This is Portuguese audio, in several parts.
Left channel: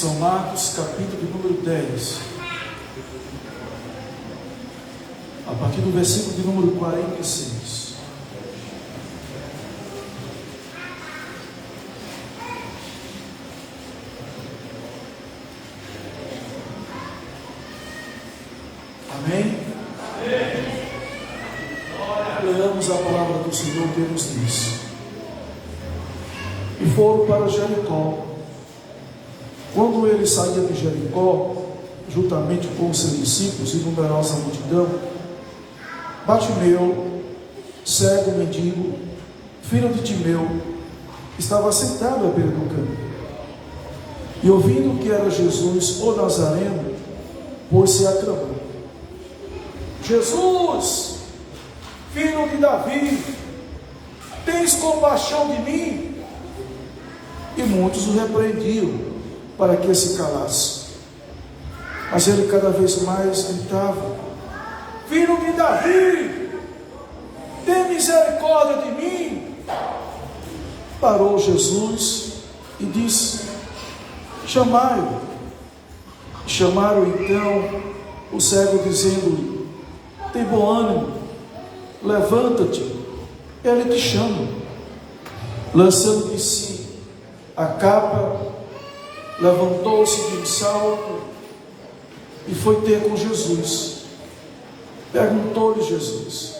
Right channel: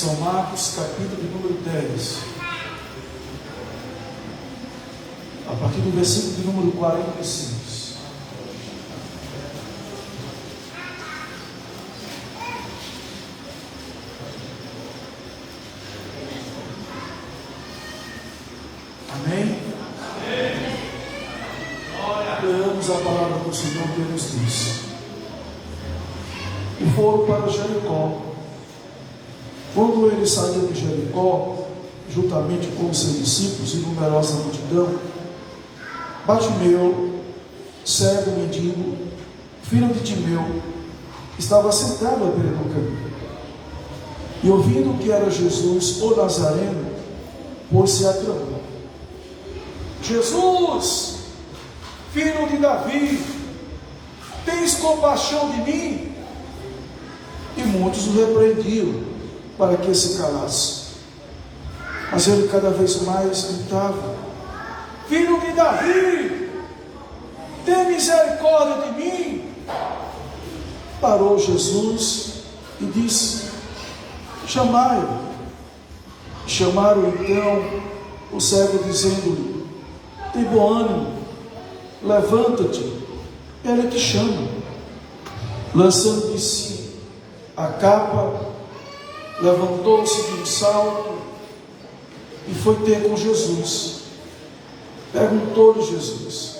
São Marcos, capítulo número 10. A partir do versículo de número 46. Amém? Leamos a palavra do Senhor que nos diz. E foram para Jericó. Quando ele saía de Jericó, juntamente com os seus discípulos e numerosa multidão, Bartimeu, cego mendigo, filho de Timeu, estava sentado à beira do caminho. E ouvindo que era Jesus, o Nazareno, pôs-se a clamar: Jesus, filho de Davi, tens compaixão de mim? E muitos o repreendiam para que se calasse. Mas ele cada vez mais gritava: Filho de Davi, tem misericórdia de mim. Parou Jesus e disse: chamai-o. Chamaram então o cego, dizendo-lhe: tem bom ânimo, levanta-te, ele te chama. Lançando de si a capa, levantou-se de um salto e foi ter com Jesus. Perguntou-lhe Jesus:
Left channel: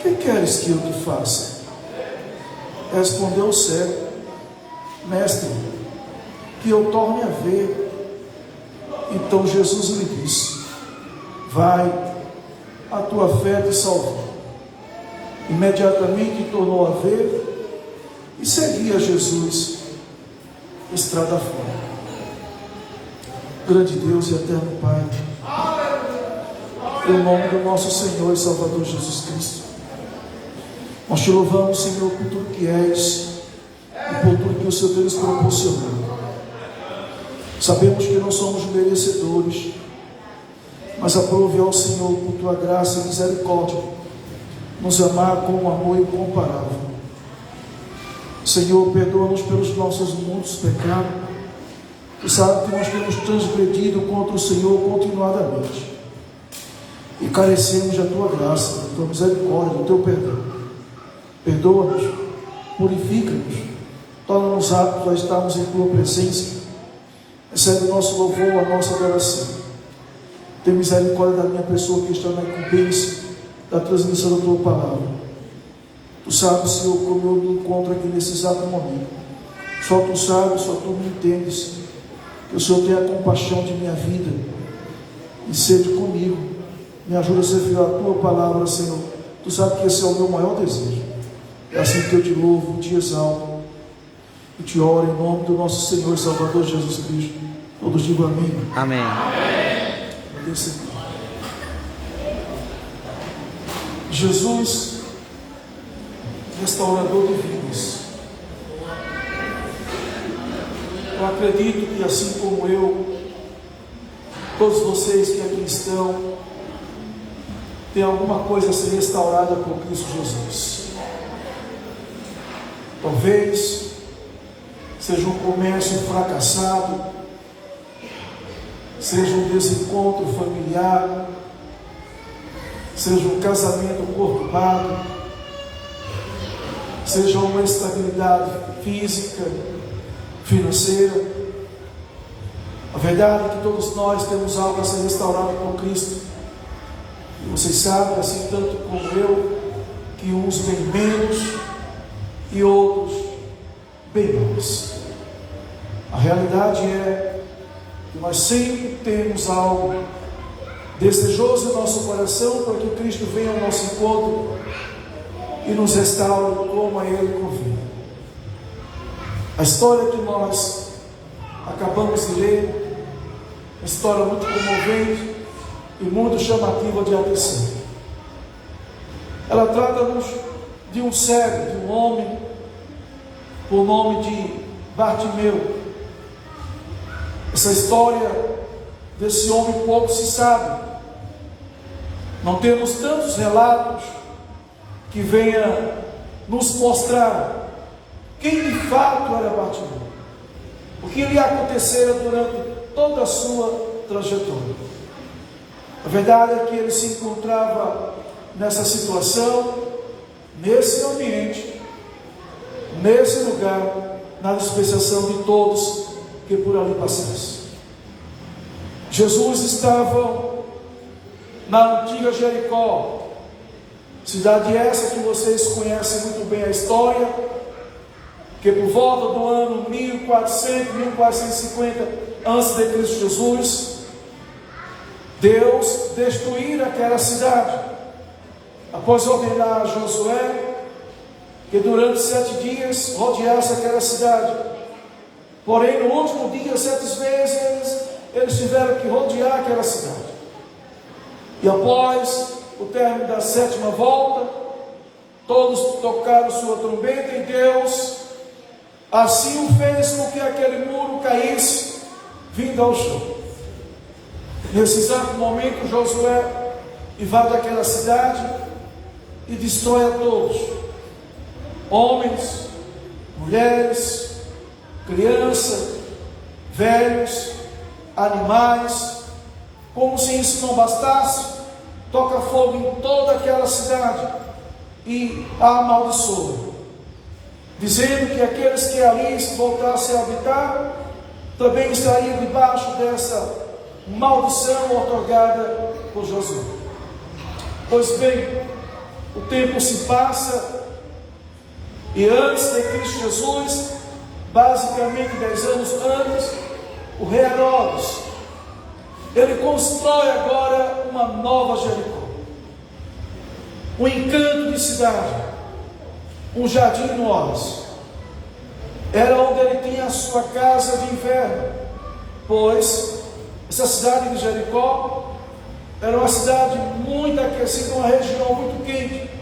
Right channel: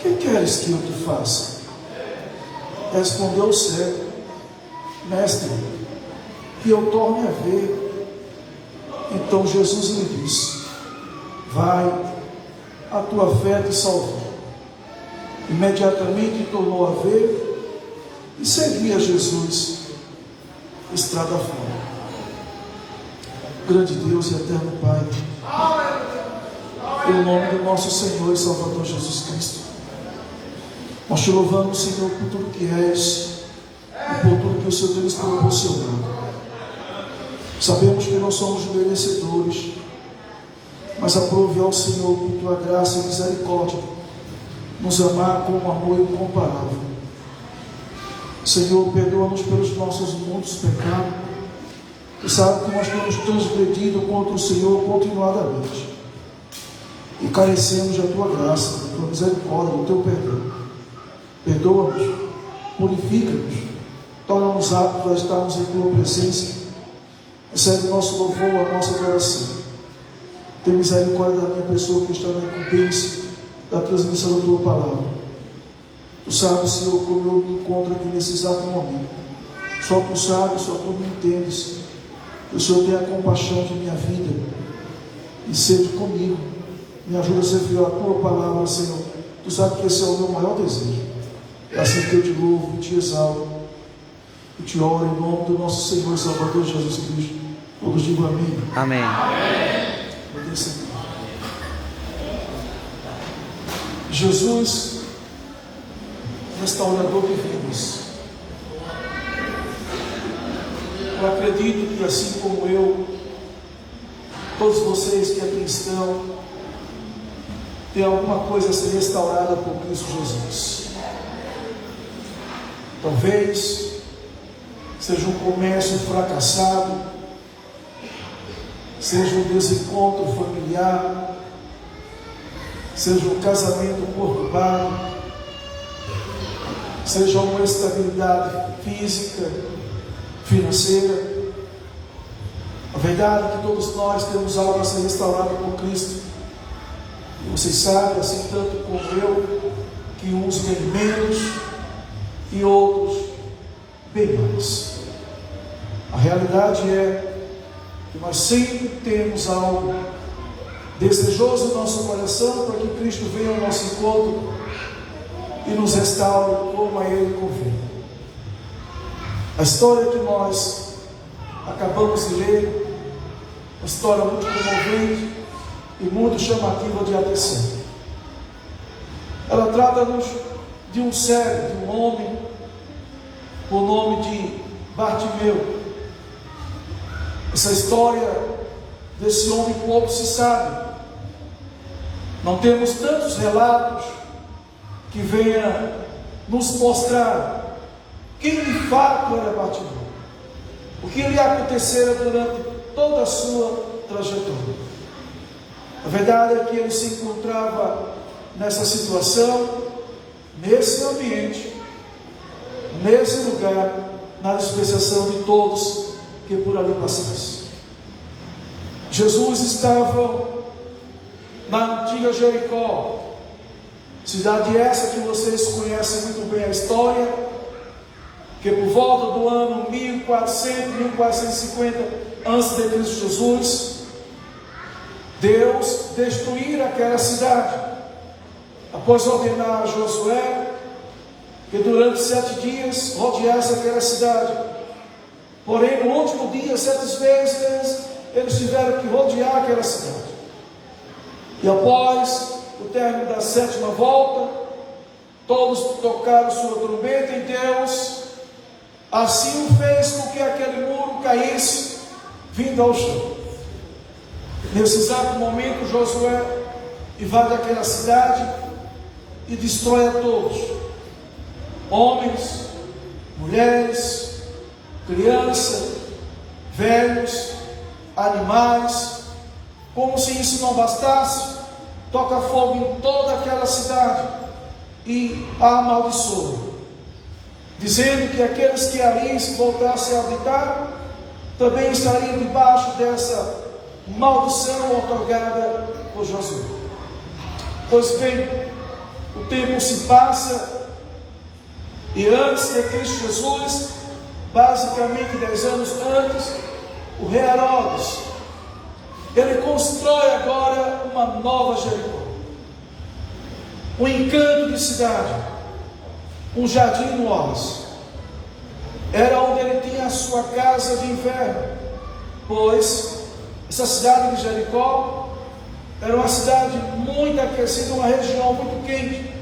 que queres que eu te faça? Respondeu o cego: mestre, que eu torne a ver. Então Jesus lhe disse: vai, a tua fé te salvou. Imediatamente tornou a ver e seguia Jesus estrada fora. Grande Deus e eterno Pai, em nome do nosso Senhor e Salvador Jesus Cristo, nós te louvamos, Senhor, por tudo que és e por tudo que o Senhor tem nos proporcionado. Sabemos que não somos merecedores, mas aprove ao Senhor, por tua graça e misericórdia, nos amar com um amor incomparável. Senhor, perdoa-nos pelos nossos muitos pecados. Tu sabes que nós temos transgredido contra o Senhor continuadamente e carecemos da tua graça, da tua misericórdia, do teu perdão. Perdoa-nos, purifica-nos, torna-nos aptos a estarmos em tua presença. Recebe o nosso louvor, a nossa adoração. Tem misericórdia da minha pessoa que está na incumbência da transmissão da tua palavra. Tu sabes, Senhor, como eu me encontro aqui nesse exato momento. Só tu sabes, só tu me entendes. Que o Senhor tenha compaixão de minha vida e sede comigo. Me ajuda a servir a tua palavra, Senhor. Tu sabes que esse é o meu maior desejo. É assim que eu te louvo e te exalto e te oro em nome do nosso Senhor e Salvador Jesus Cristo. Todos digam amém. Amém. Amém. Jesus, restaurador de vidas. Eu acredito que, assim como eu, todos vocês que aqui estão, tem alguma coisa a ser restaurada por Cristo Jesus. Talvez seja um comércio fracassado, seja um desencontro familiar, seja um casamento conturbado, seja uma instabilidade física, financeira. A verdade é que todos nós temos algo a ser restaurado com Cristo. E vocês sabem, assim tanto como eu, que uns bem menos e outros bem mais. A realidade é que nós sempre temos algo desejoso em nosso coração para que Cristo venha ao nosso encontro e nos restaure como a Ele convém. A história que nós acabamos de ler, uma história muito comovente e muito chamativa de atenção. Ela trata-nos de um cego, de um homem, por nome de Bartimeu. Essa história desse homem pouco se sabe. Não temos tantos relatos que venha nos mostrar quem de fato era Bartimeu. o que lhe acontecera durante toda a sua trajetória. A verdade é que ele se encontrava nessa situação, nesse ambiente, nesse lugar, na dispensação de todos que por ali passassem. Jesus estava na antiga Jericó, cidade essa que vocês conhecem muito bem a história, que por volta do ano 1400, 1450 a.C., Jesus, Deus destruíra aquela cidade, após ordenar a Josué que durante 7 dias rodeasse aquela cidade. Porém, no último dia, 7 vezes, eles tiveram que rodear aquela cidade. E após o término da 7ª volta, todos tocaram sua trombeta, e Deus assim o fez com que aquele muro caísse, vindo ao chão. Nesse exato momento, Josué invade aquela cidade e destrói a todos: homens, mulheres, crianças, velhos, animais. Como se isso não bastasse, toca fogo em toda aquela cidade e a amaldiçoa, dizendo que aqueles que ali voltassem a habitar também estariam debaixo dessa maldição otorgada por Josué. Pois bem, o tempo se passa, e antes de Cristo Jesus, basicamente 10 anos antes, o rei Herodes, ele constrói agora uma nova Jericó, um encanto de cidade, um jardim no oásis. Era onde ele tinha a sua casa de inverno, pois essa cidade de Jericó era uma cidade muito aquecida, uma região muito quente,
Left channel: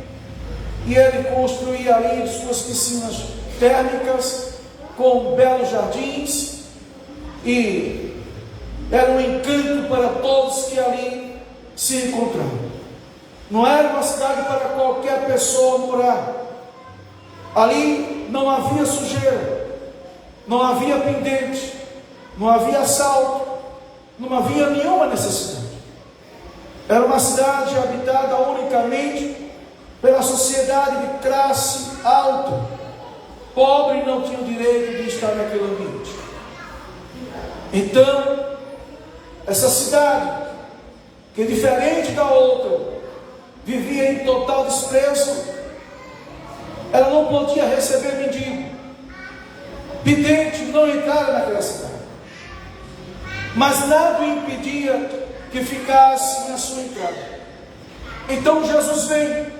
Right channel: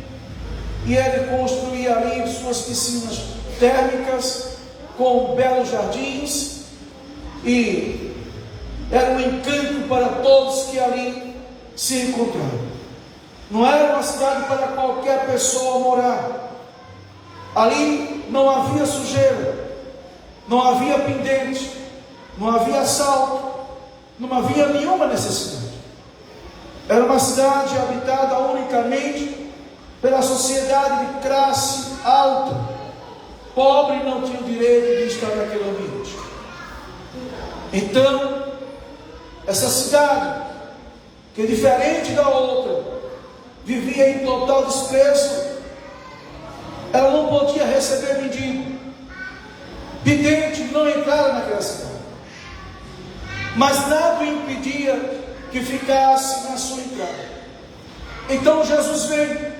e ele construía ali suas piscinas térmicas com belos jardins, e era um encanto para todos que ali se encontravam. Não era uma cidade para qualquer pessoa morar. Ali não havia sujeira, não havia pendente, não havia assalto, não havia nenhuma necessidade. Era uma cidade habitada unicamente pela sociedade de classe alta. Pobre não tinha o direito de estar naquele ambiente. Então, essa cidade, que diferente da outra, vivia em total desprezo, ela não podia receber mendigo. Vidente não entrara naquela cidade, mas nada o impedia que ficasse na sua entrada. Então Jesus veio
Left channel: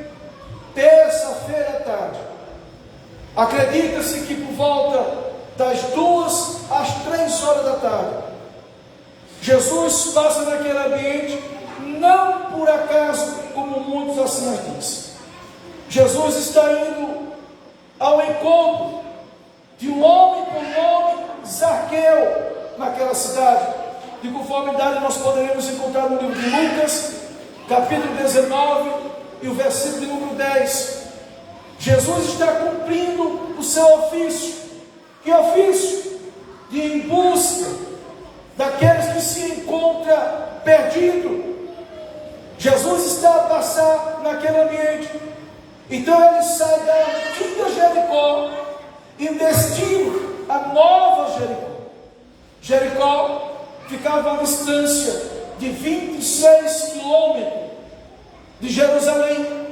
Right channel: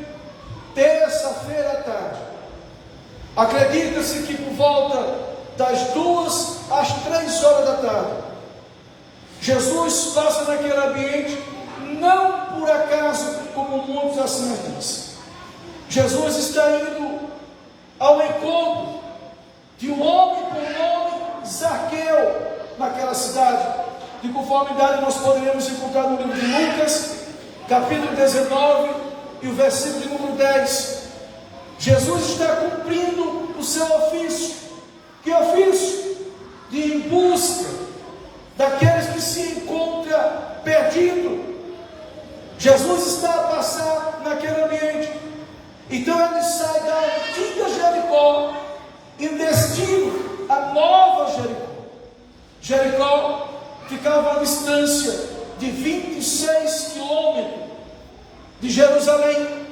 terça-feira à tarde. Acredita-se que por volta das 2 às 3 horas da tarde, Jesus passa naquele ambiente, não por acaso, como muitos assim dizem. Jesus está indo ao encontro de um homem com nome Zaqueu, naquela cidade. De conformidade nós poderemos encontrar no livro de Lucas, capítulo 19, e o versículo de número 10. Jesus está cumprindo o seu ofício. Que ofício? De ir em busca daqueles que se encontram perdidos. Jesus está a passar naquele ambiente. Então ele sai da antiga Jericó em destino à nova Jericó. Jericó ficava a distância de 26 quilômetros de Jerusalém.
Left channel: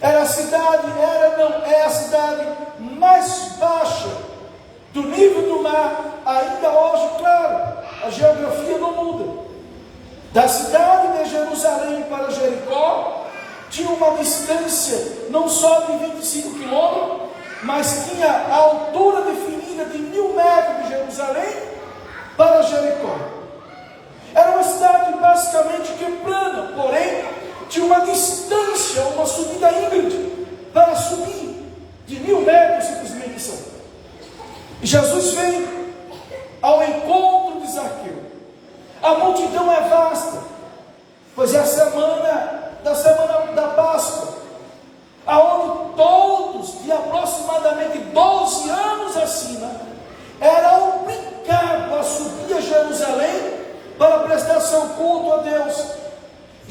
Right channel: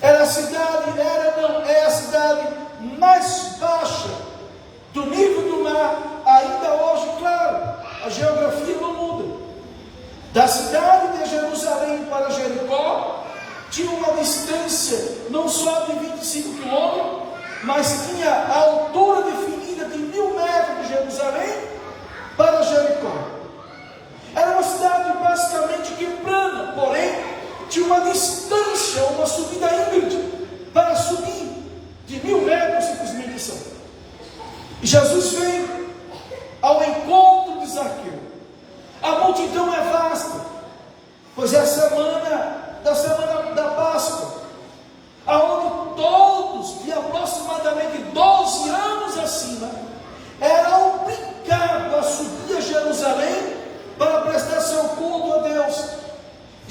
Era a cidade, é a cidade mais baixa do nível do mar, ainda hoje, claro, a geografia não muda. Da cidade de Jerusalém para Jericó, tinha uma distância não só de 25 quilômetros, mas tinha a altura definida de 1000 metros de Jerusalém para Jericó. Era uma cidade basicamente que plana, porém tinha uma distância, uma subida íngreme para subir de 1000 metros, simplesmente são. E Jesus veio ao encontro de Zaqueu. A multidão é vasta, pois é a semana da Páscoa, aonde todos de aproximadamente 12 anos acima era obrigados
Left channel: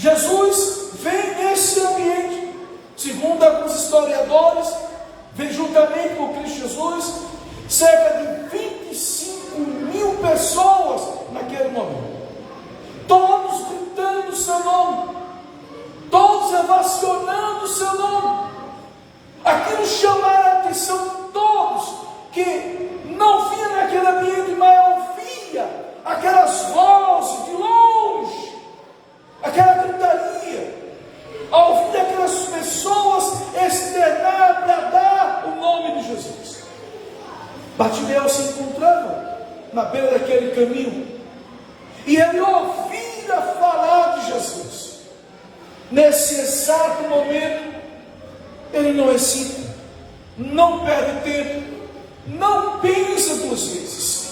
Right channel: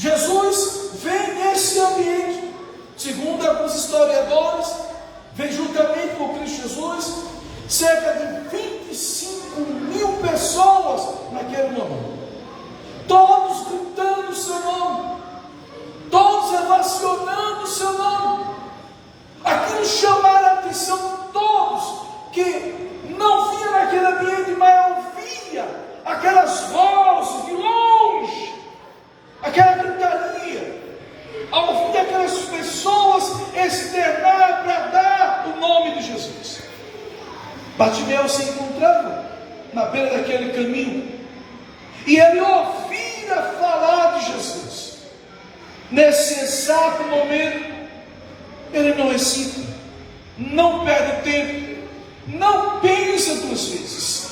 Jesus vem nesse ambiente, segundo alguns historiadores, vem juntamente com Cristo Jesus, cerca de 25.000 pessoas naquele momento, todos gritando o seu nome, todos ovacionando o seu nome. Aquilo chamaram a atenção de todos, que não via naquele ambiente, mas ouvia aquelas vozes de longe, aquela gritaria, ao ouvir aquelas pessoas externar, bradar o nome de Jesus. Bartimeu se encontrava na beira daquele caminho, e ele ouvia falar de Jesus. Nesse exato momento, ele não hesita, não perde tempo, não pensa duas vezes,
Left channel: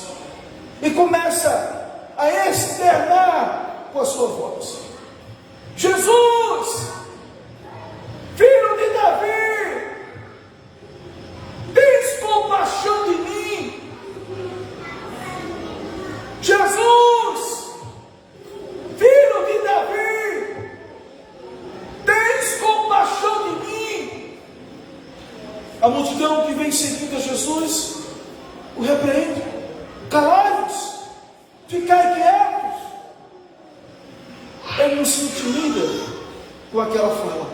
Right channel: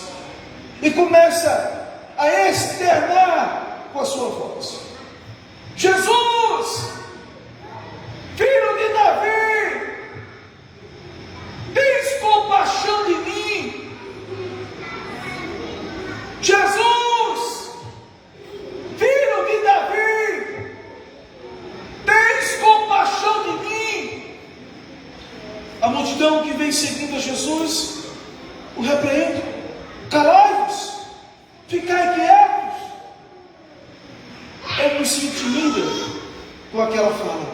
e começa a externar com a sua voz: Jesus, filho de Davi, tens compaixão de mim. Jesus, filho de Davi, tens compaixão de mim. A multidão que vem seguindo a Jesus o repreende: calai-vos, ficai quietos. Ele não se intimida com aquela fala,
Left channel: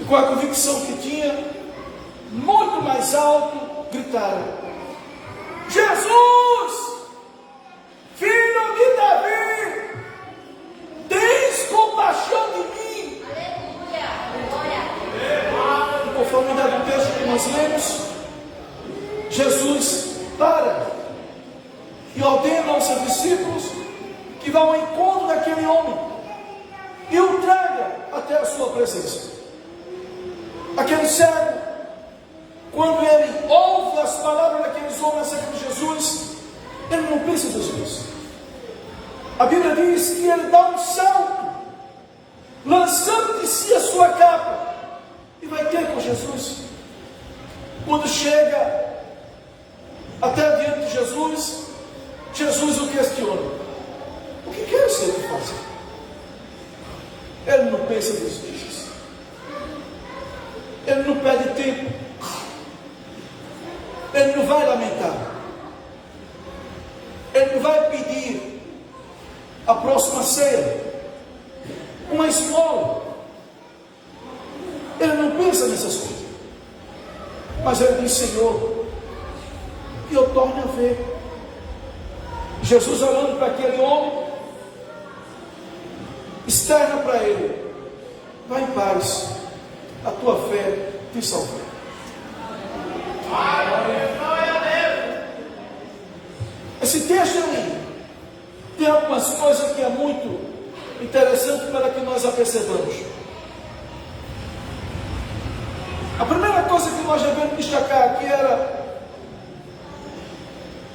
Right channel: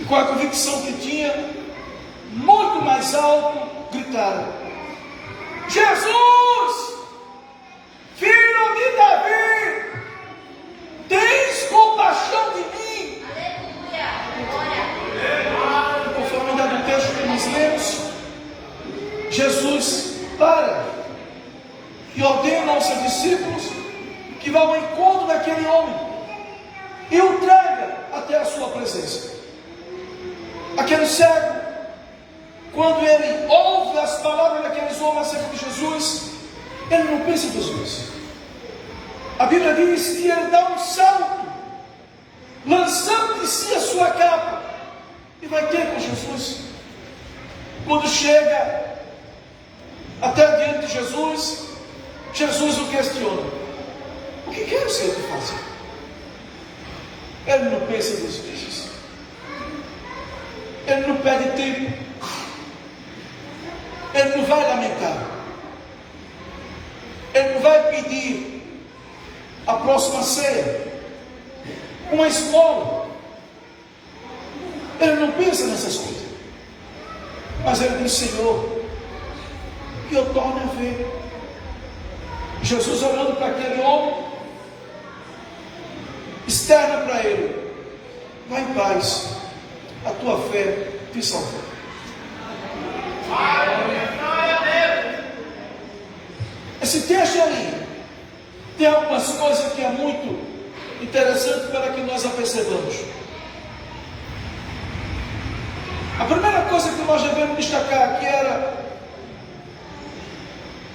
e com a convicção que tinha, muito mais alto, gritaram: Jesus, filho de Davi, tens compaixão de mim. Aleluia, glória. Conforme o texto que nós lemos, Jesus para e ordena aos seus discípulos que vá ao encontro daquele homem e o traga até a sua presença. Aquele cego, quando ele ouve as palavras daqueles homens acerca de Jesus, ele não pensa duas vezes. A Bíblia diz que ele dá um salto, lançando de si a sua capa, e vai ter com Jesus. Quando chega até diante de Jesus, Jesus o questiona: o que quer o Senhor te fazer? Ele não pensa duas vezes, ele não perde tempo, ele não vai lamentar, ele não vai pedir a próxima ceia, uma esmola. Ele não pensa nessas coisas, mas ele diz: Senhor, que eu torne a ver. Jesus, olhando para aquele homem, externa para ele: vai em paz, a tua fé te salvou. Esse texto ali tem algumas coisas que é muito interessante para que nós a percebamos. A primeira coisa que nós devemos destacar aqui era:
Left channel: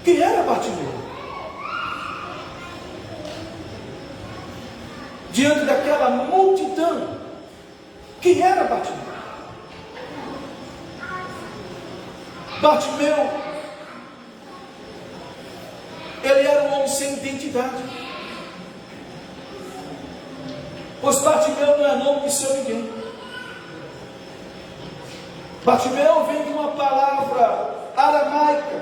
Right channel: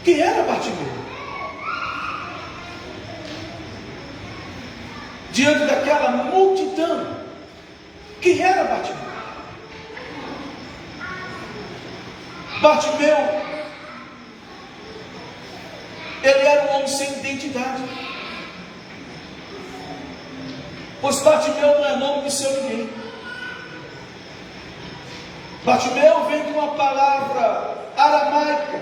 quem era Bartimeu? Diante daquela multidão, quem era Bartimeu? Bartimeu, ele era um homem sem identidade, pois Bartimeu não é nome de seu ninguém. Bartimeu vem de uma palavra aramaica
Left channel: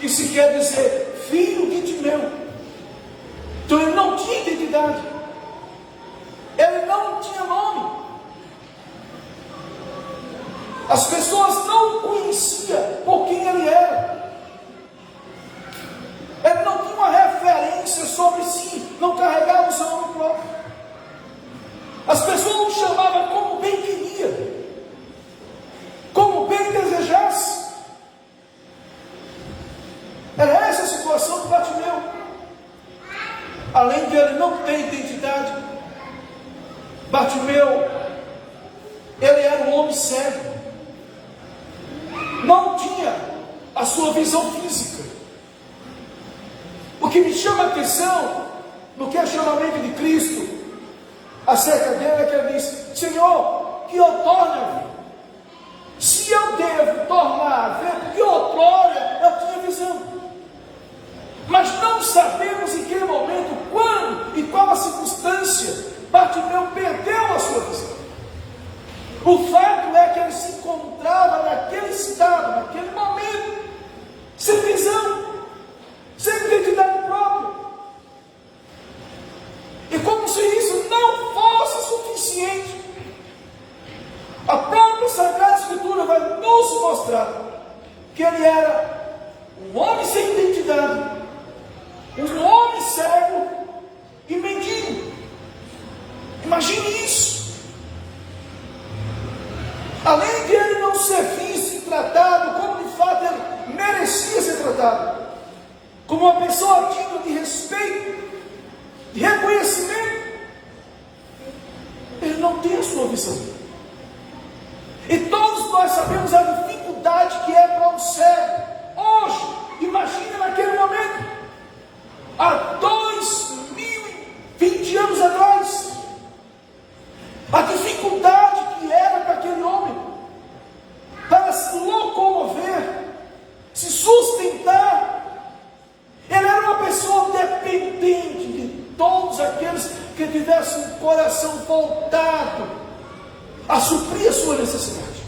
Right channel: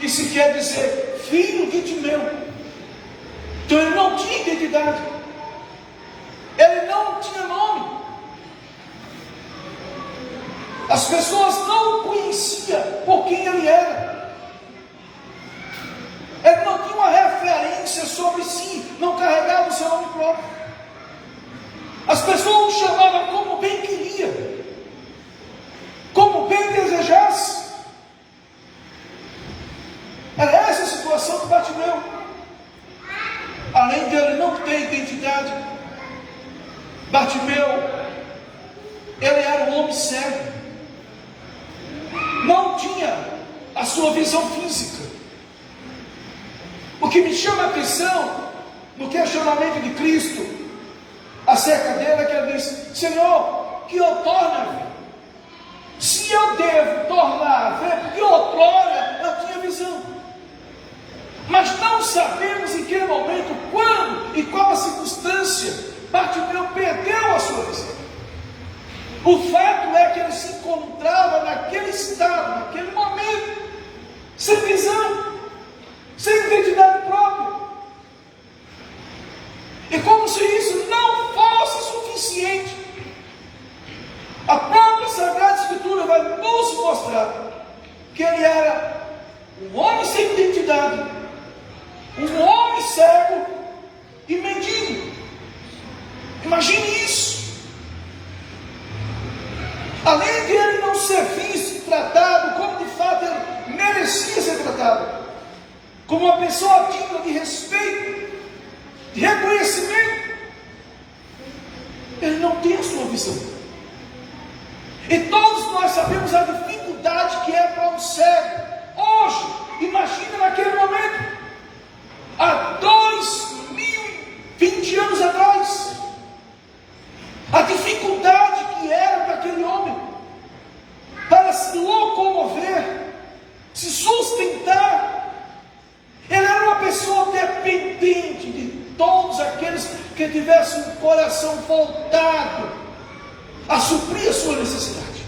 que se quer dizer filho de Timeu. Então ele não tinha identidade, ele não tinha nome. As pessoas não o conheciam por quem ele era. Ele não tinha uma referência sobre si, não carregava o seu nome próprio. As pessoas o chamavam como bem queria, como bem desejasse. Era essa a situação de Bartimeu. Além de ele não ter identidade, Bartimeu, ele era um homem cego, não tinha a sua visão física. O que me chama a atenção no questionamento de Cristo acerca dele é que ele diz: Senhor, que eu torne a ver. Se eu devo tornar a ver, porque outrora eu tinha visão, mas não sabemos em que momento, quando e qual a circunstância Bartimeu perdeu a sua visão. O fato é que ele se encontrava naquele estado, naquele momento, sem visão, sem identidade própria. E como se isso não fosse suficiente, a própria Sagrada Escritura vai nos mostrar que ele era um homem sem identidade, um homem cego e mendigo. Imagine isso. Além de ele não ser visto e tratado como de fato ele merecia ser tratado, como uma pessoa digna de respeito, de reconhecimento, ele não tem a sua visão. E todos nós sabemos a dificuldade que é para um cego. Hoje, imagina naquele momento, há 2020 anos atrás, a dificuldade que era para aquele homem, para se locomover, se sustentar. Ele era uma pessoa dependente de todos aqueles que tivessem um coração voltado a suprir a sua necessidade.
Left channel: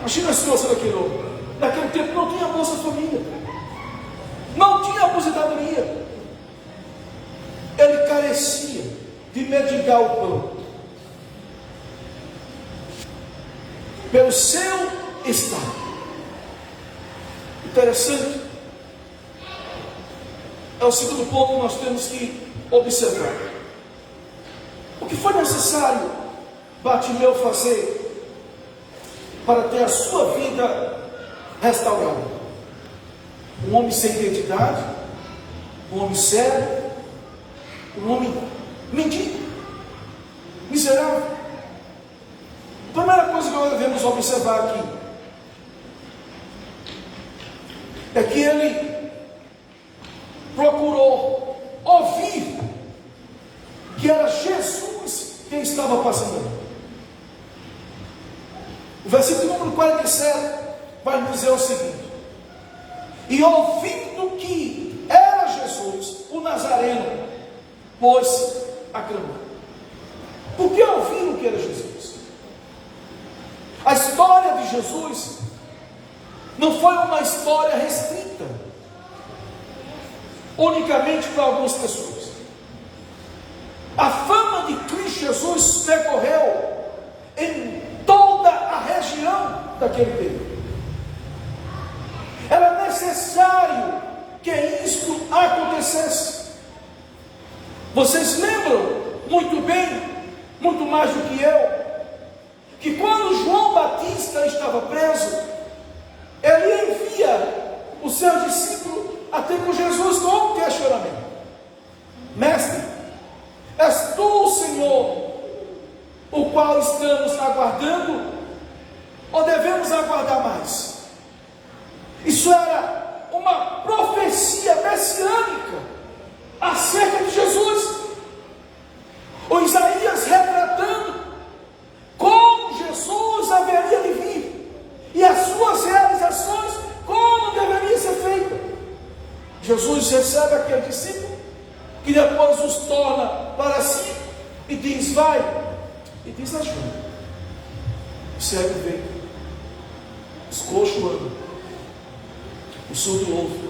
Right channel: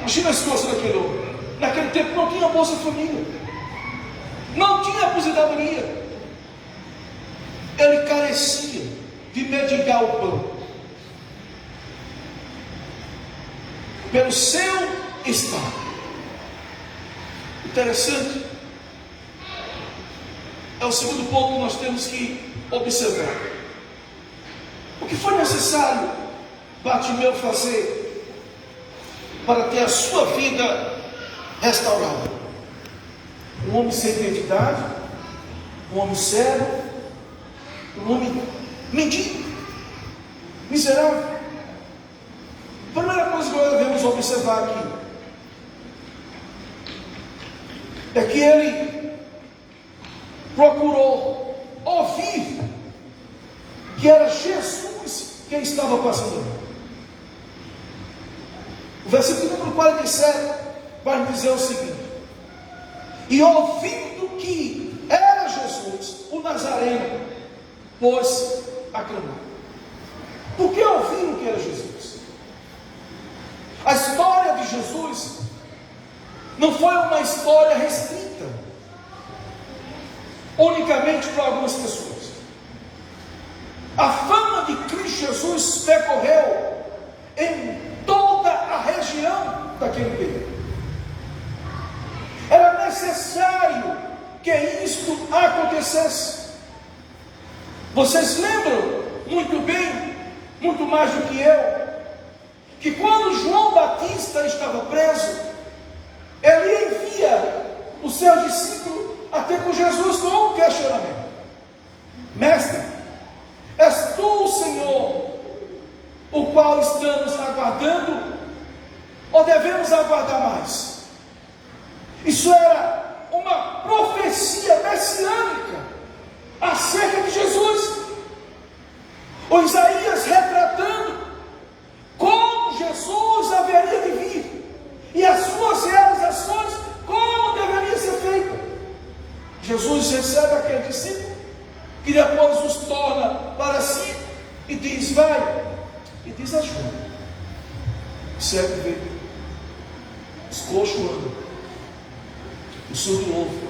Imagina a situação daquele homem. Naquele tempo não tinha Bolsa Família, não tinha aposentadoria. Ele carecia de mendigar o pão. Pelo seu estado. Interessante. É o segundo ponto que nós temos que observar. O que foi necessário Bartimeu fazer para ter a sua vida restaurada? Um homem sem identidade, um homem cego, um homem mendigo, miserável. A primeira coisa que nós devemos observar aqui é que ele procurou ouvir que era Jesus quem estava passando ali. O versículo número 47 vai nos dizer o seguinte: e ouvindo que era Jesus, o Nazareno, pôs-se a clamar. Por que ouviram que era Jesus? A história de Jesus não foi uma história restrita unicamente para algumas pessoas. A fama de Cristo Jesus decorreu em toda a região daquele período. Era necessário que isto acontecesse. Vocês lembram muito bem, muito mais do que eu, que quando João Batista estava preso, ele envia o seu discípulo até com Jesus com um questionamento: mestre, és tu o Senhor, o qual estamos aguardando, ou devemos aguardar mais? Isso era uma profecia messiânica acerca de Jesus. O Isaías retratando como Jesus haveria de vir e as suas realizações, como deveria ser feita. Jesus recebe aquele discípulo que depois os torna para si e diz: vai, e diz a João: o cego vê, os coxos andam, o surdo ouve,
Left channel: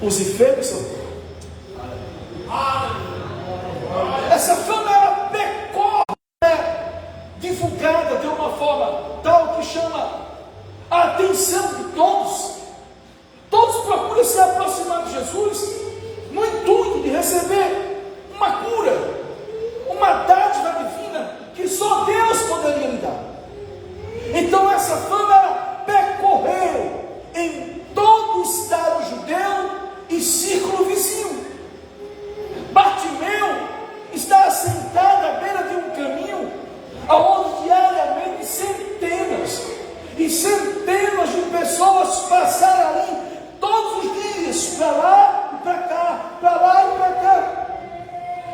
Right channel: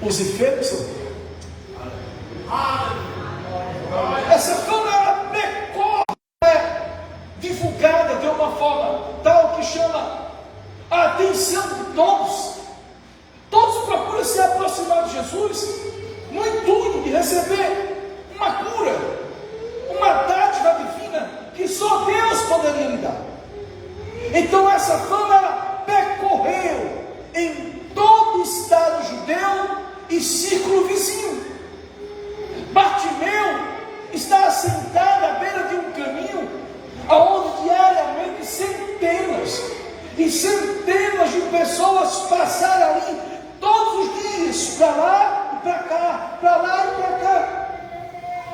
os enfermos são curados. Essa fama era precoce, divulgada de uma forma tal que chama a atenção de todos. Todos procuram se aproximar de Jesus no intuito de receber uma cura, uma dádiva divina que só Deus poderia lhe dar. Então essa fama percorreu em todo o estado judeu e círculo vizinho. Bartimeu está assentado à beira de um caminho aonde diariamente centenas e centenas de pessoas passaram ali todos os dias, para lá e para cá, para lá e para cá.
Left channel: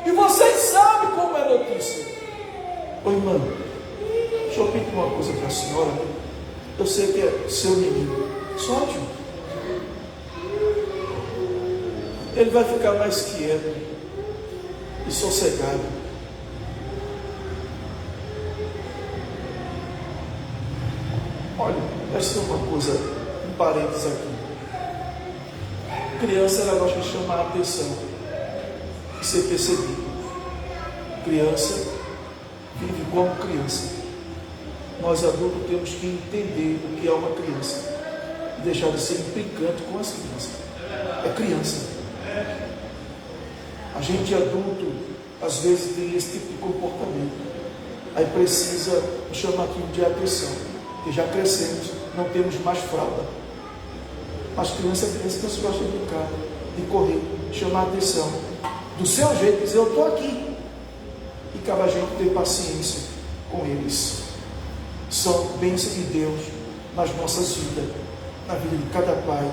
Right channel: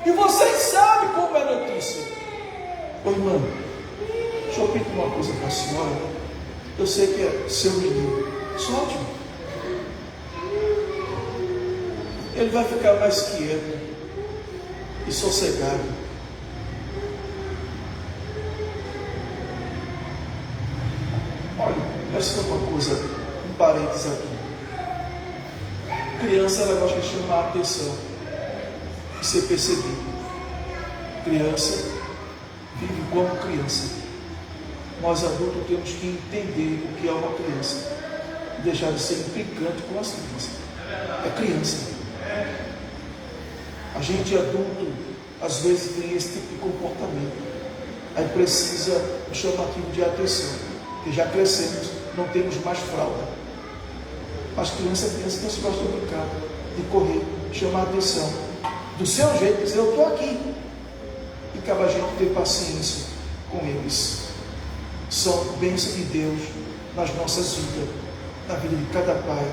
E vocês sabem como é a notícia. Ô irmão, deixa eu pedir uma coisa para a senhora. Eu sei que é seu menino, solte-me. Ele vai ficar mais quieto. e sossegado. Olha, essa é uma coisa, um parênteses aqui. Criança, ela gosta de chamar a atenção, de ser percebido. Criança vive como criança. Nós adultos temos que entender o que é uma criança e deixar de ser implicante com as crianças. É criança. A gente adulto às vezes tem esse tipo de comportamento. Aí precisa um chamativo de atenção, porque já crescemos, não temos mais fralda. As crianças que se gostam de brincar, de correr, chamar a atenção do seu jeito, dizer eu estou aqui. E cabe a gente ter paciência com eles. São bênçãos de Deus nas nossas vidas, na vida de cada pai,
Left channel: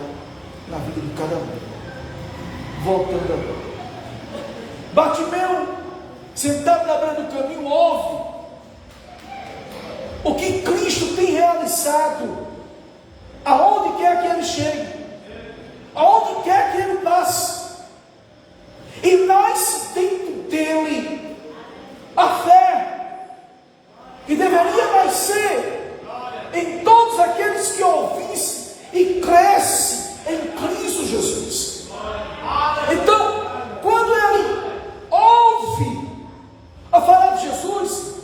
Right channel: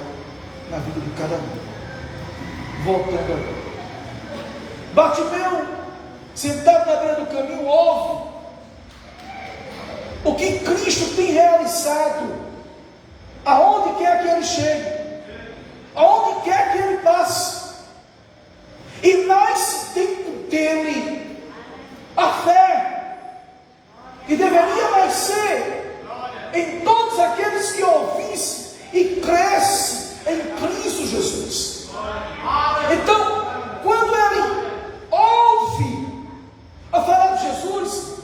na vida de cada mãe. Voltando agora. Bartimeu, sentado na beira do caminho, ouve o que Cristo tem realizado, aonde quer que ele chegue, aonde quer que ele passe, e nasce dentro dele a fé, e deveria nascer em todos aqueles que ouvissem e cresce em Cristo Jesus. Então, quando ele ouve a falar de Jesus,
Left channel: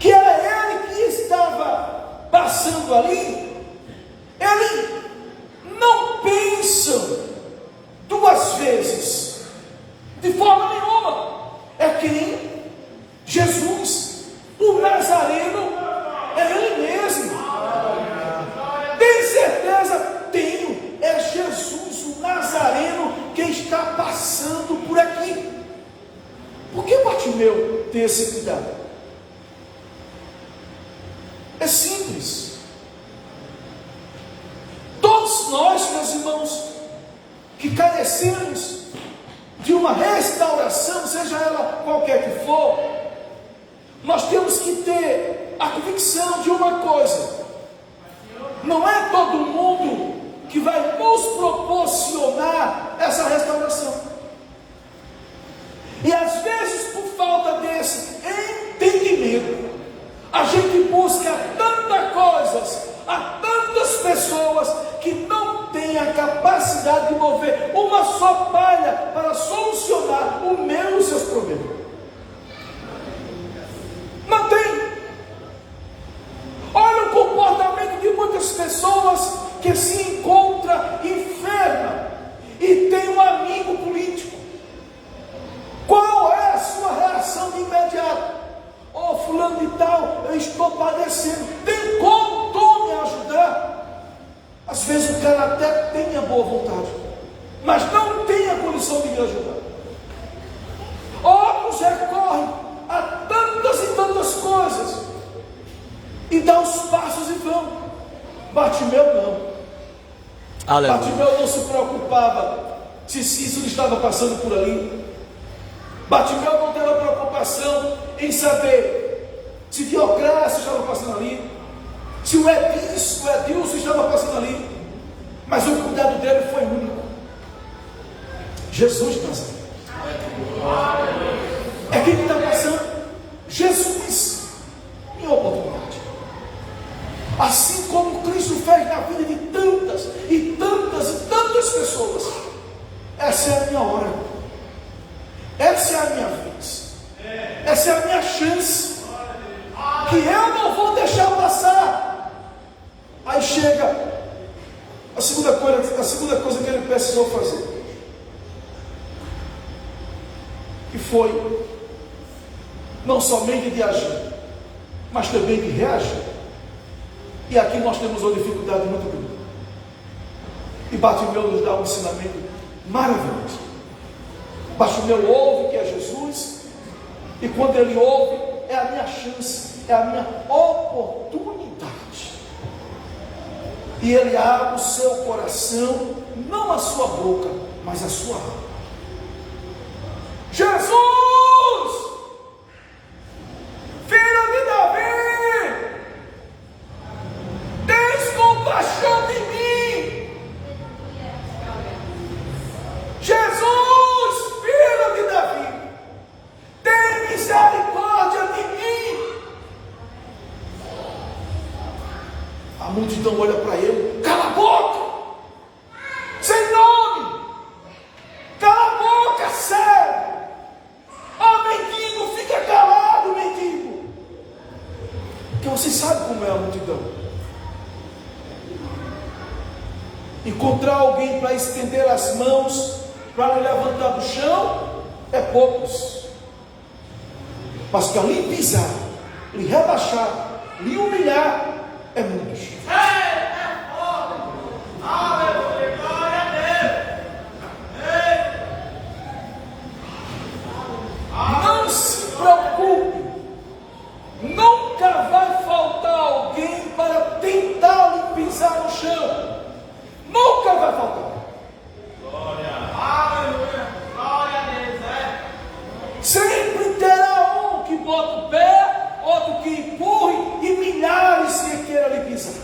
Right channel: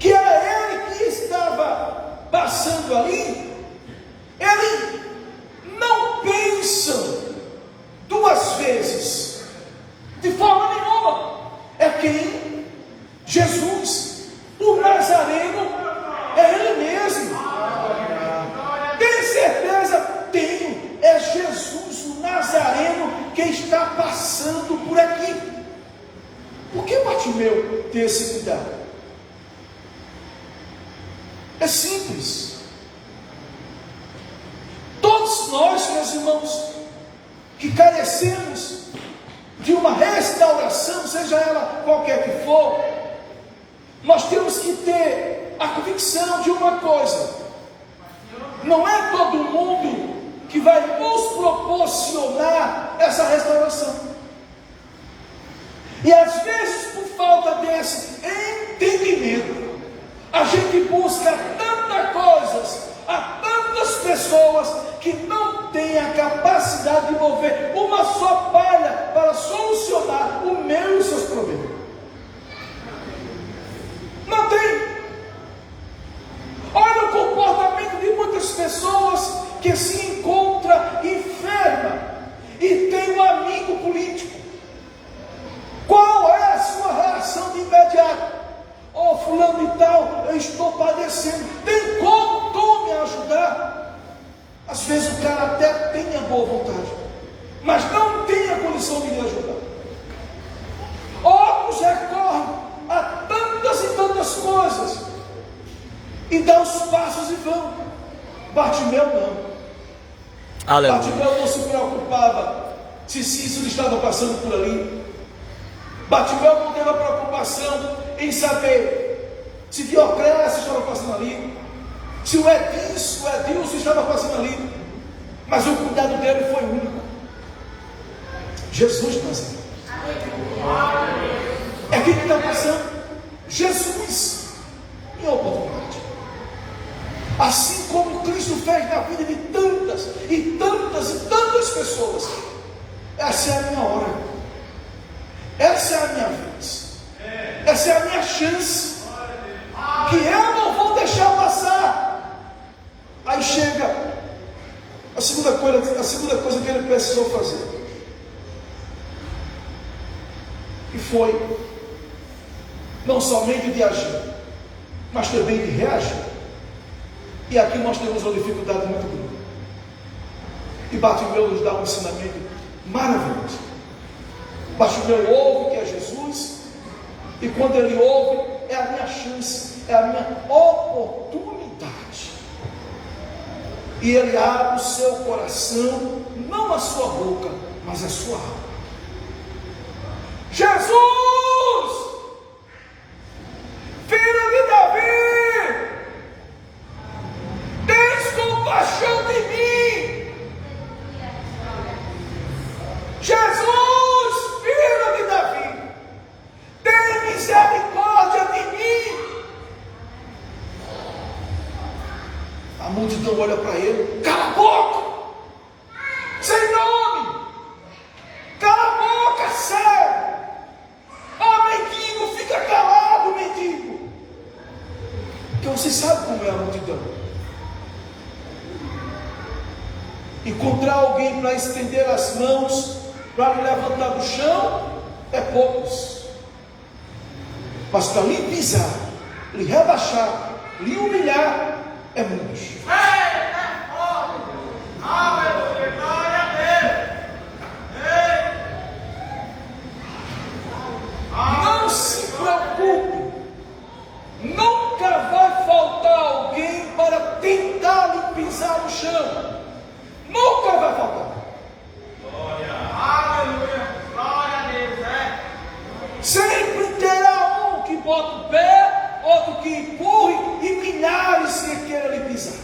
que era ele que estava passando ali, ele não pensa duas vezes, de forma nenhuma. É quem? Jesus, o Nazareno, é ele mesmo. Tem certeza? Tenho. É Jesus, o Nazareno, que está passando por aqui. Por que Bartimeu tem esse cuidado? É simples. Todos nós, meus irmãos, que carecemos de uma restauração, seja ela qualquer que for, nós temos que ter a convicção de uma coisa: não é todo mundo que vai nos proporcionar essa restauração. E às vezes, por falta desse entendimento, a gente busca tantas coisas a tantas pessoas que não têm a capacidade de mover uma só palha para solucionar o meu e os seus problemas. Não tem. Olha o comportamento de muitas pessoas que se encontra enferma e tem um amigo político. Qual é a sua reação de imediato? Oh, fulano e tal, eu estou padecendo, tem como tu me ajudar? Às vezes o cara até tem a boa vontade, mas não tem a condição de me ajudar. Outros recorrem a tantas e tantas coisas e dão os passos e vão. Bartimeu não. Aleluia. Bartimeu não se preocupava se Cícero estava passando por ali. Bartimeu não teve a preocupação em saber se Diocrécio estava passando ali, se o Edilson estava passando ali, mas o cuidado dele foi único. Jesus de Nazaré. É quem está passando? Jesus, em oportunidade. Assim como Cristo fez na vida de tantas e tantas e tantas pessoas. Essa é a minha hora, essa é a minha vez, essa é a minha chance, que eu não vou deixar passar. Aí chega a segunda coisa que ele precisou fazer, que foi não somente de agir, mas também de reagir. E aqui nós temos uma dificuldade muito grande. E Bartimeu nos dá um ensinamento maravilhoso. Bartimeu ouve que é Jesus, e quando ele ouve, é a minha chance, é a minha oportunidade. E ele abre o seu coração, não a sua boca, mas a sua alma. Jesus, filho de Davi, tens compaixão de mim. Jesus, filho de Davi, multidão olha para ele: cala a boca, sem nome, cala a boca, sério. Ah, mendigo, fica calado, mendigo. Então você sabe como é a multidão. Encontrar alguém para estender as mãos, para lhe levantar do chão, é poucos. Mas para lhe pisar, lhe rebaixar, lhe humilhar, é muitos. Não se preocupe, nunca vai faltar alguém para tentar lhe pisar no chão. Nunca vai faltar. Sempre terá um que bota o pé, outro que empurre e milhares que queiram lhe pisar.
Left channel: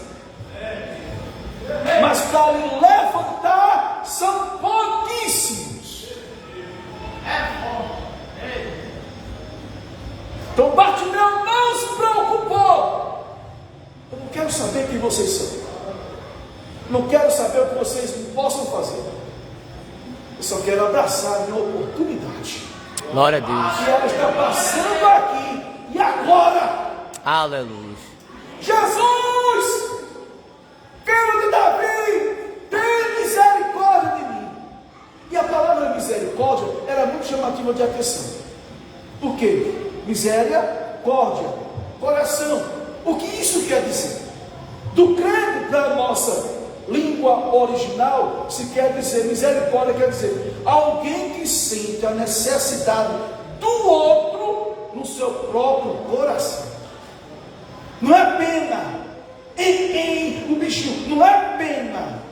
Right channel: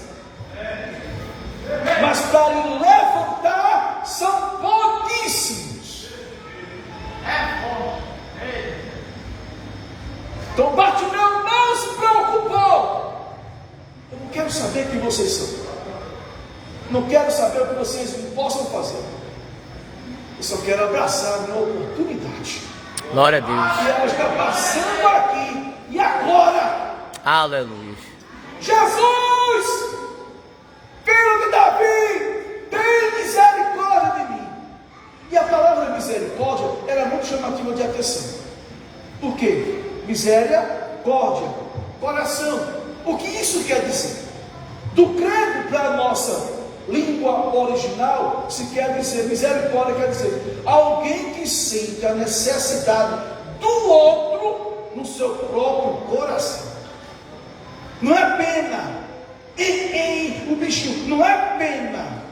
Mas para lhe levantar são pouquíssimos. Então Bartimeu não se preocupou. Eu não quero saber quem vocês são. Não quero saber o que vocês não possam fazer. Eu só quero abraçar a minha oportunidade. Glória a Deus. E ela está passando aqui. E agora? Aleluia. Jesus, filho de Davi, tem misericórdia de mim. E a palavra misericórdia era muito chamativa de atenção. Por quê? Misericórdia, coração. O que isso quer dizer? Do grego para a nossa língua original, se quer dizer, misericórdia quer dizer alguém que sente a necessidade do outro no seu próprio coração. Não é pena, o bichinho, não é pena,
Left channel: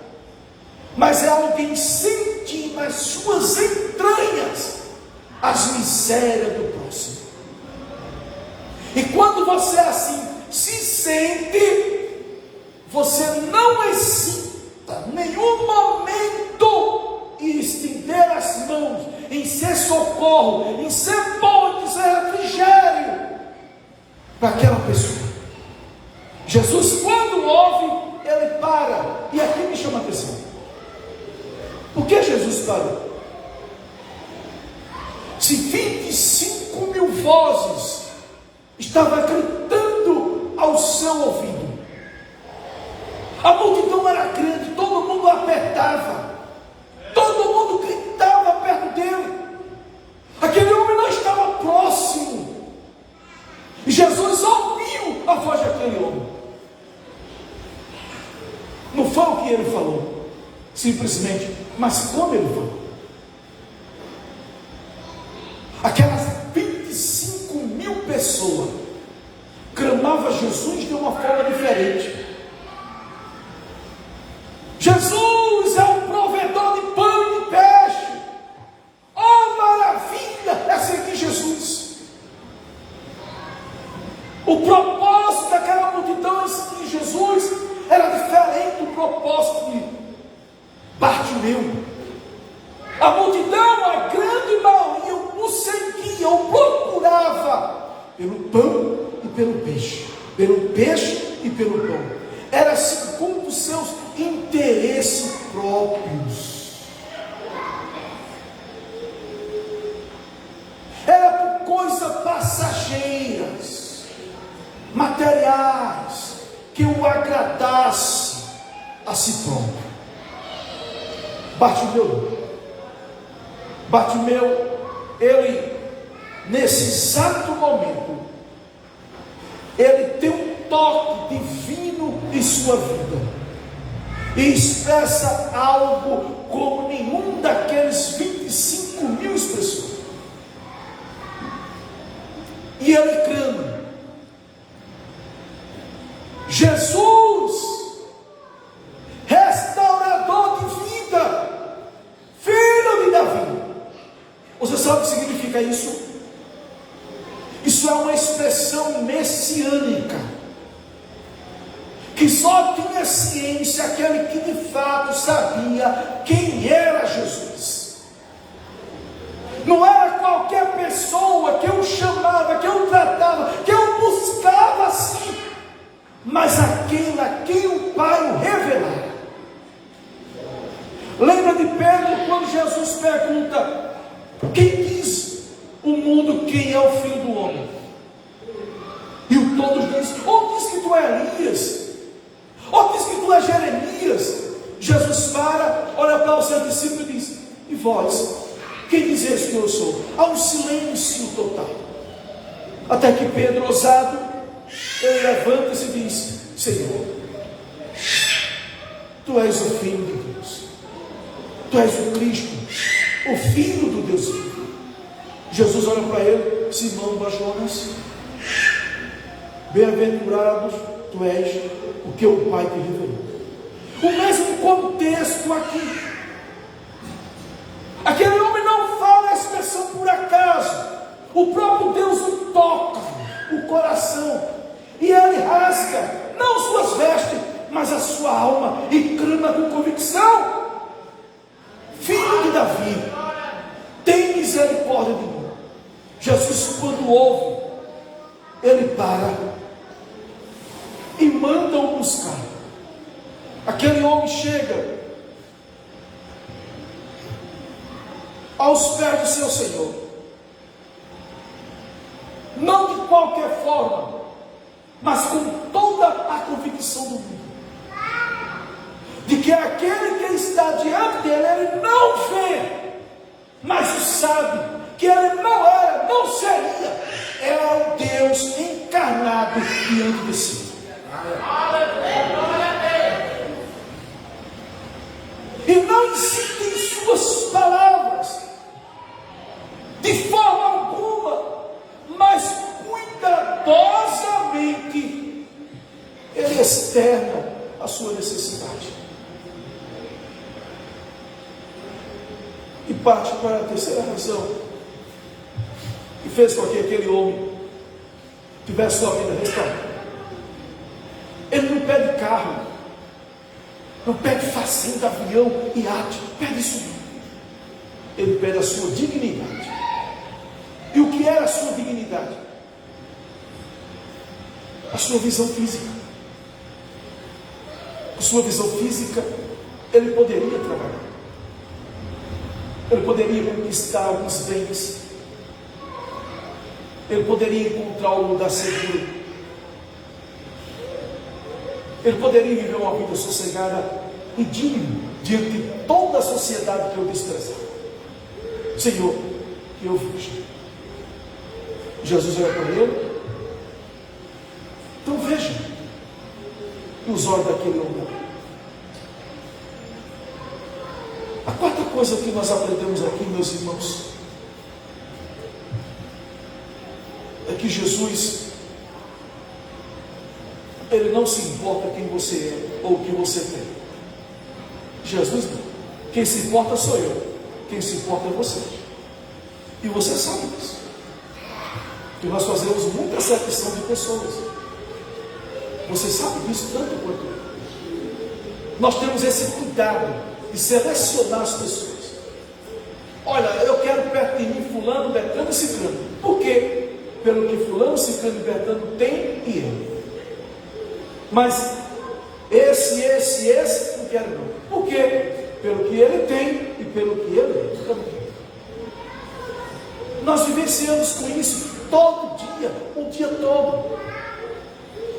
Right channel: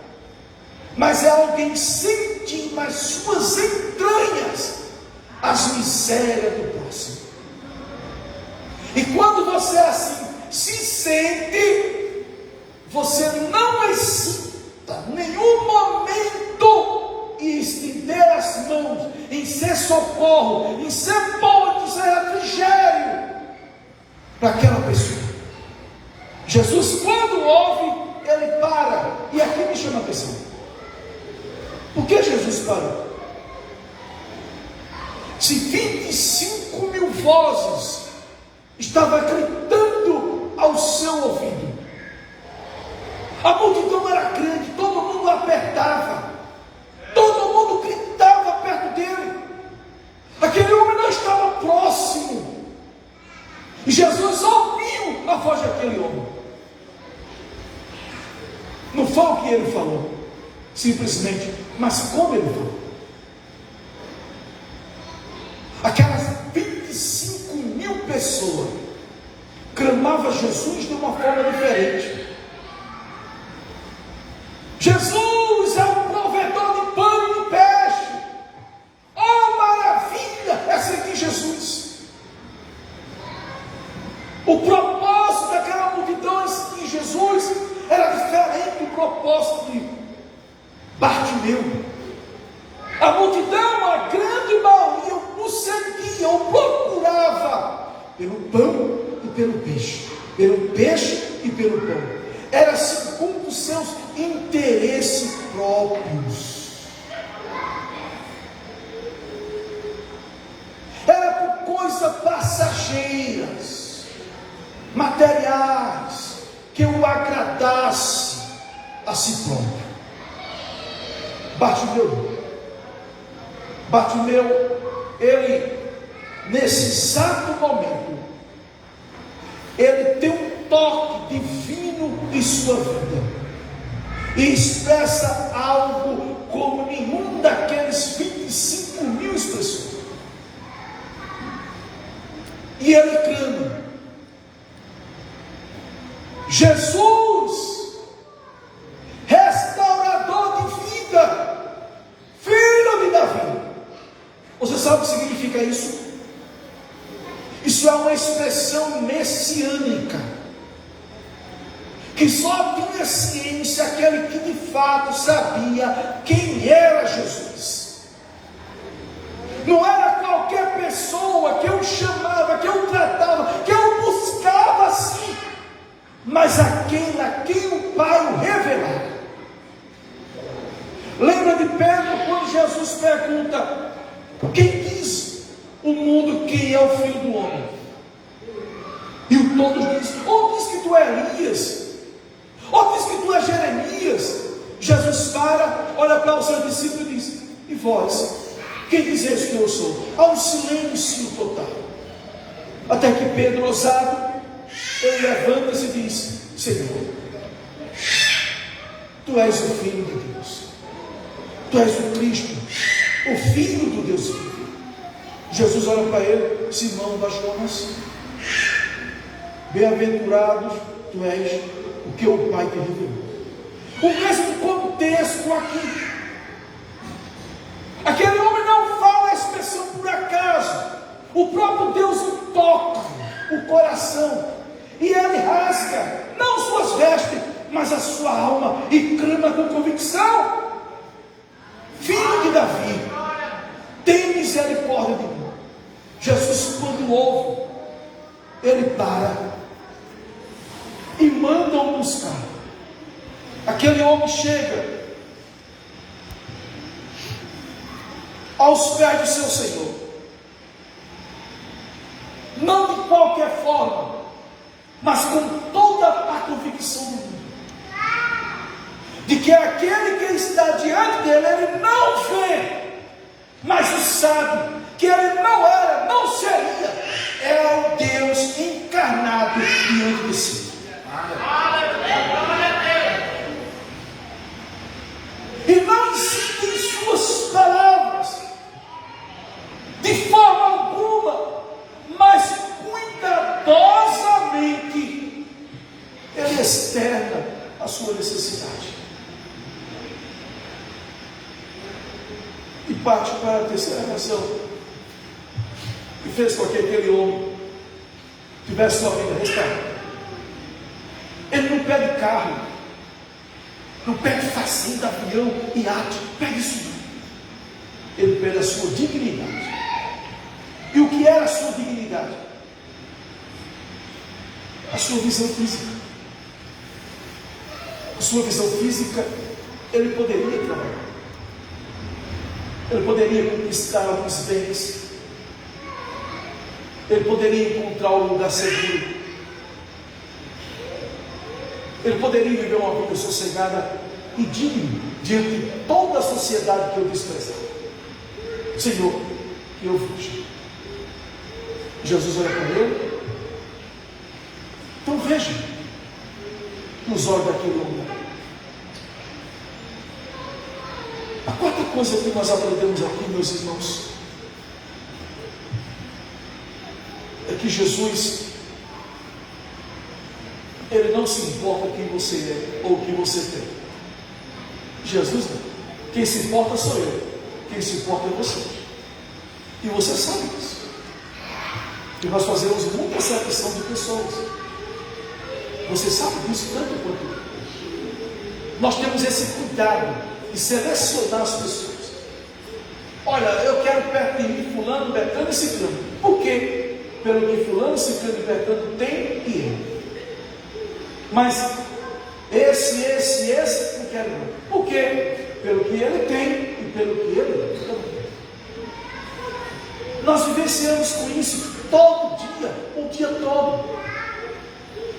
mas é alguém sentir nas suas entranhas as misérias do próximo. E quando você assim se sente, você não hesita nenhum momento em estender as mãos, em ser socorro, em ser ponte, em ser refrigério para aquela pessoa. Jesus, quando ouve, ele para. E aqui me chama a atenção. Por que Jesus parou? Se 25 mil vozes estavam gritando ao seu ouvido, a multidão era grande, todo mundo apertava, todo mundo gritava perto dele. Aquele homem não estava próximo. E Jesus ouviu a voz daquele homem. Não foi o que ele falou, simplesmente, mas como ele falou. Aquelas 25 mil pessoas clamavam Jesus de uma forma diferente. Jesus é o provedor de pão e peixe. Oh, maravilha é seguir Jesus. O propósito daquela multidão em seguir Jesus era diferente do propósito de Bartimeu. A multidão, a grande maioria, o seguia, o procurava pelo pão e pelo peixe e pelo pão. Era segundo os seus interesses próprios. Era por coisas passageiras, materiais, que o agradasse a si próprio. Bartimeu, ele, nesse exato momento, ele tem um toque divino em sua vida, e expressa algo como nenhum daqueles 25 mil pessoas. E ele clama: Jesus, restaurador de vida, filho de Davi. Você sabe o que significa isso? Isso é uma expressão messiânica, que só tinha ciência aquele que de fato sabia quem era Jesus. Não era qualquer pessoa que eu chamava, que eu tratava, que eu buscava assim, mas aquele a quem o Pai filho do homem? E o todos dizem: ou diz que tu é Elias, ou diz que tu é Jeremias. Jesus para, olha para os seus discípulos e diz: e vós, quem dizeis que eu sou? Há um silêncio total, até que Pedro, ousado, ele levanta-se e diz: Senhor, tu és o Filho de Deus, tu és o Cristo, o Filho do Deus vivo. Jesus olha para ele: Simão Bajonas, bem-aventurados tu és, porque o Pai te revelou. O mesmo contexto aqui. Aquele homem não fala a expressão por acaso. O próprio Deus o toca o coração, e ele rasga não suas vestes, mas a sua alma, e clama com convicção: Filho de Davi, tem misericórdia de mim. Jesus, quando ouve, ele para e manda o buscar. Aquele homem chega aos pés do seu Senhor, não de qualquer forma, mas com toda a convicção do mundo, de que aquele que está diante dele, ele não vê, mas o sabe, que ele não era, não seria, era o Deus encarnado diante de si. E não existem suas palavras de forma alguma, mas cuidadosamente ele externa a sua necessidade. E parte para a terceira razão que fez com que aquele homem tivesse sua vida restaurada. Ele não pede carro, não pede fazenda, avião, iate, pede isso não. Ele pede a sua dignidade. E o que era a sua dignidade? A sua visão física. A sua visão física, ele poderia trabalhar, ele poderia conquistar alguns bens, ele poderia encontrar um lugar seguro, ele poderia viver uma vida sossegada e digna diante de toda a sociedade que eu desprezava. Senhor, eu fujo. Jesus olha para ele. Então veja os olhos daquele homem. A quarta coisa que nós aprendemos aqui, meus irmãos, é que Jesus, ele não se importa quem você é ou o que você tem. Jesus não. Quem se importa sou eu. Quem se importa é você. E você sabe disso. E nós fazemos muita acepção de pessoas. Você sabe disso tanto quanto eu. Nós temos esse cuidado de selecionar as pessoas. Olha, eu quero perto de mim fulano, Betano e Ciclano. Por quê? Pelo que fulano, Ciclano e Betano tem e eu. Mas esse, não quero não. Por quê? Pelo que ele tem e pelo que ele também. Nós vivenciamos com isso todo dia, o dia todo.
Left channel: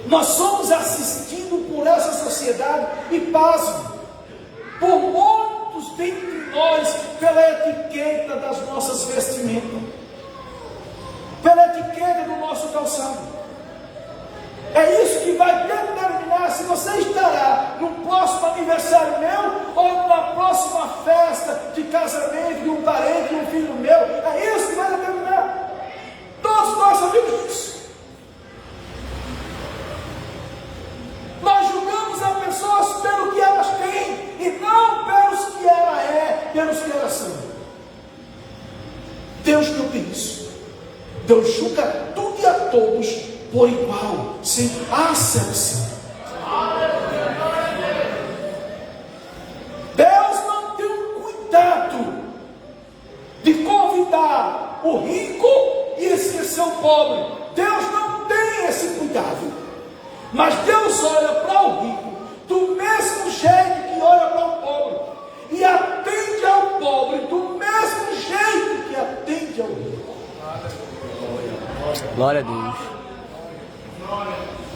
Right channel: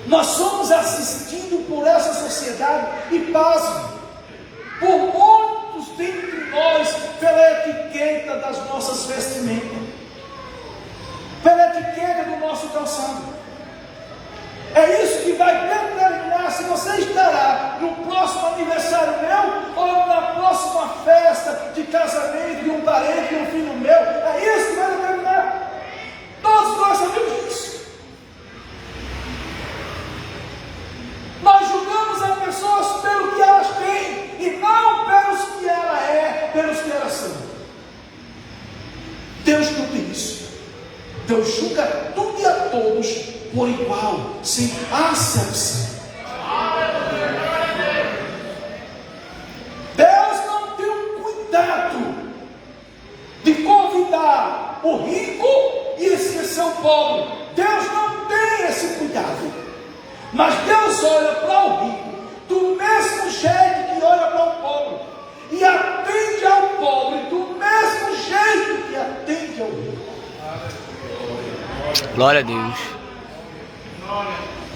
Nós somos assistidos por essa sociedade e, pasme, por muitos dentre nós, pela etiqueta das nossas vestimentas, pela etiqueta do nosso calçado. É isso que vai determinar se você estará no próximo aniversário meu ou na próxima festa de casamento de um parente, de um filho meu. É isso que vai determinar. Todos nós sabemos disso. Nós julgamos as pessoas pelo que elas têm e não pelos que ela é, pelos que elas são. Deus não tem isso. Deus julga tudo e a todos por igual, sem acepção. Deus não tem o cuidado de convidar o rico e esquecer o pobre. Deus não tem esse cuidado. Mas Deus olha para o rico do mesmo jeito que olha para o pobre, e atende ao pobre do mesmo jeito que atende ao rico. Glória a Deus.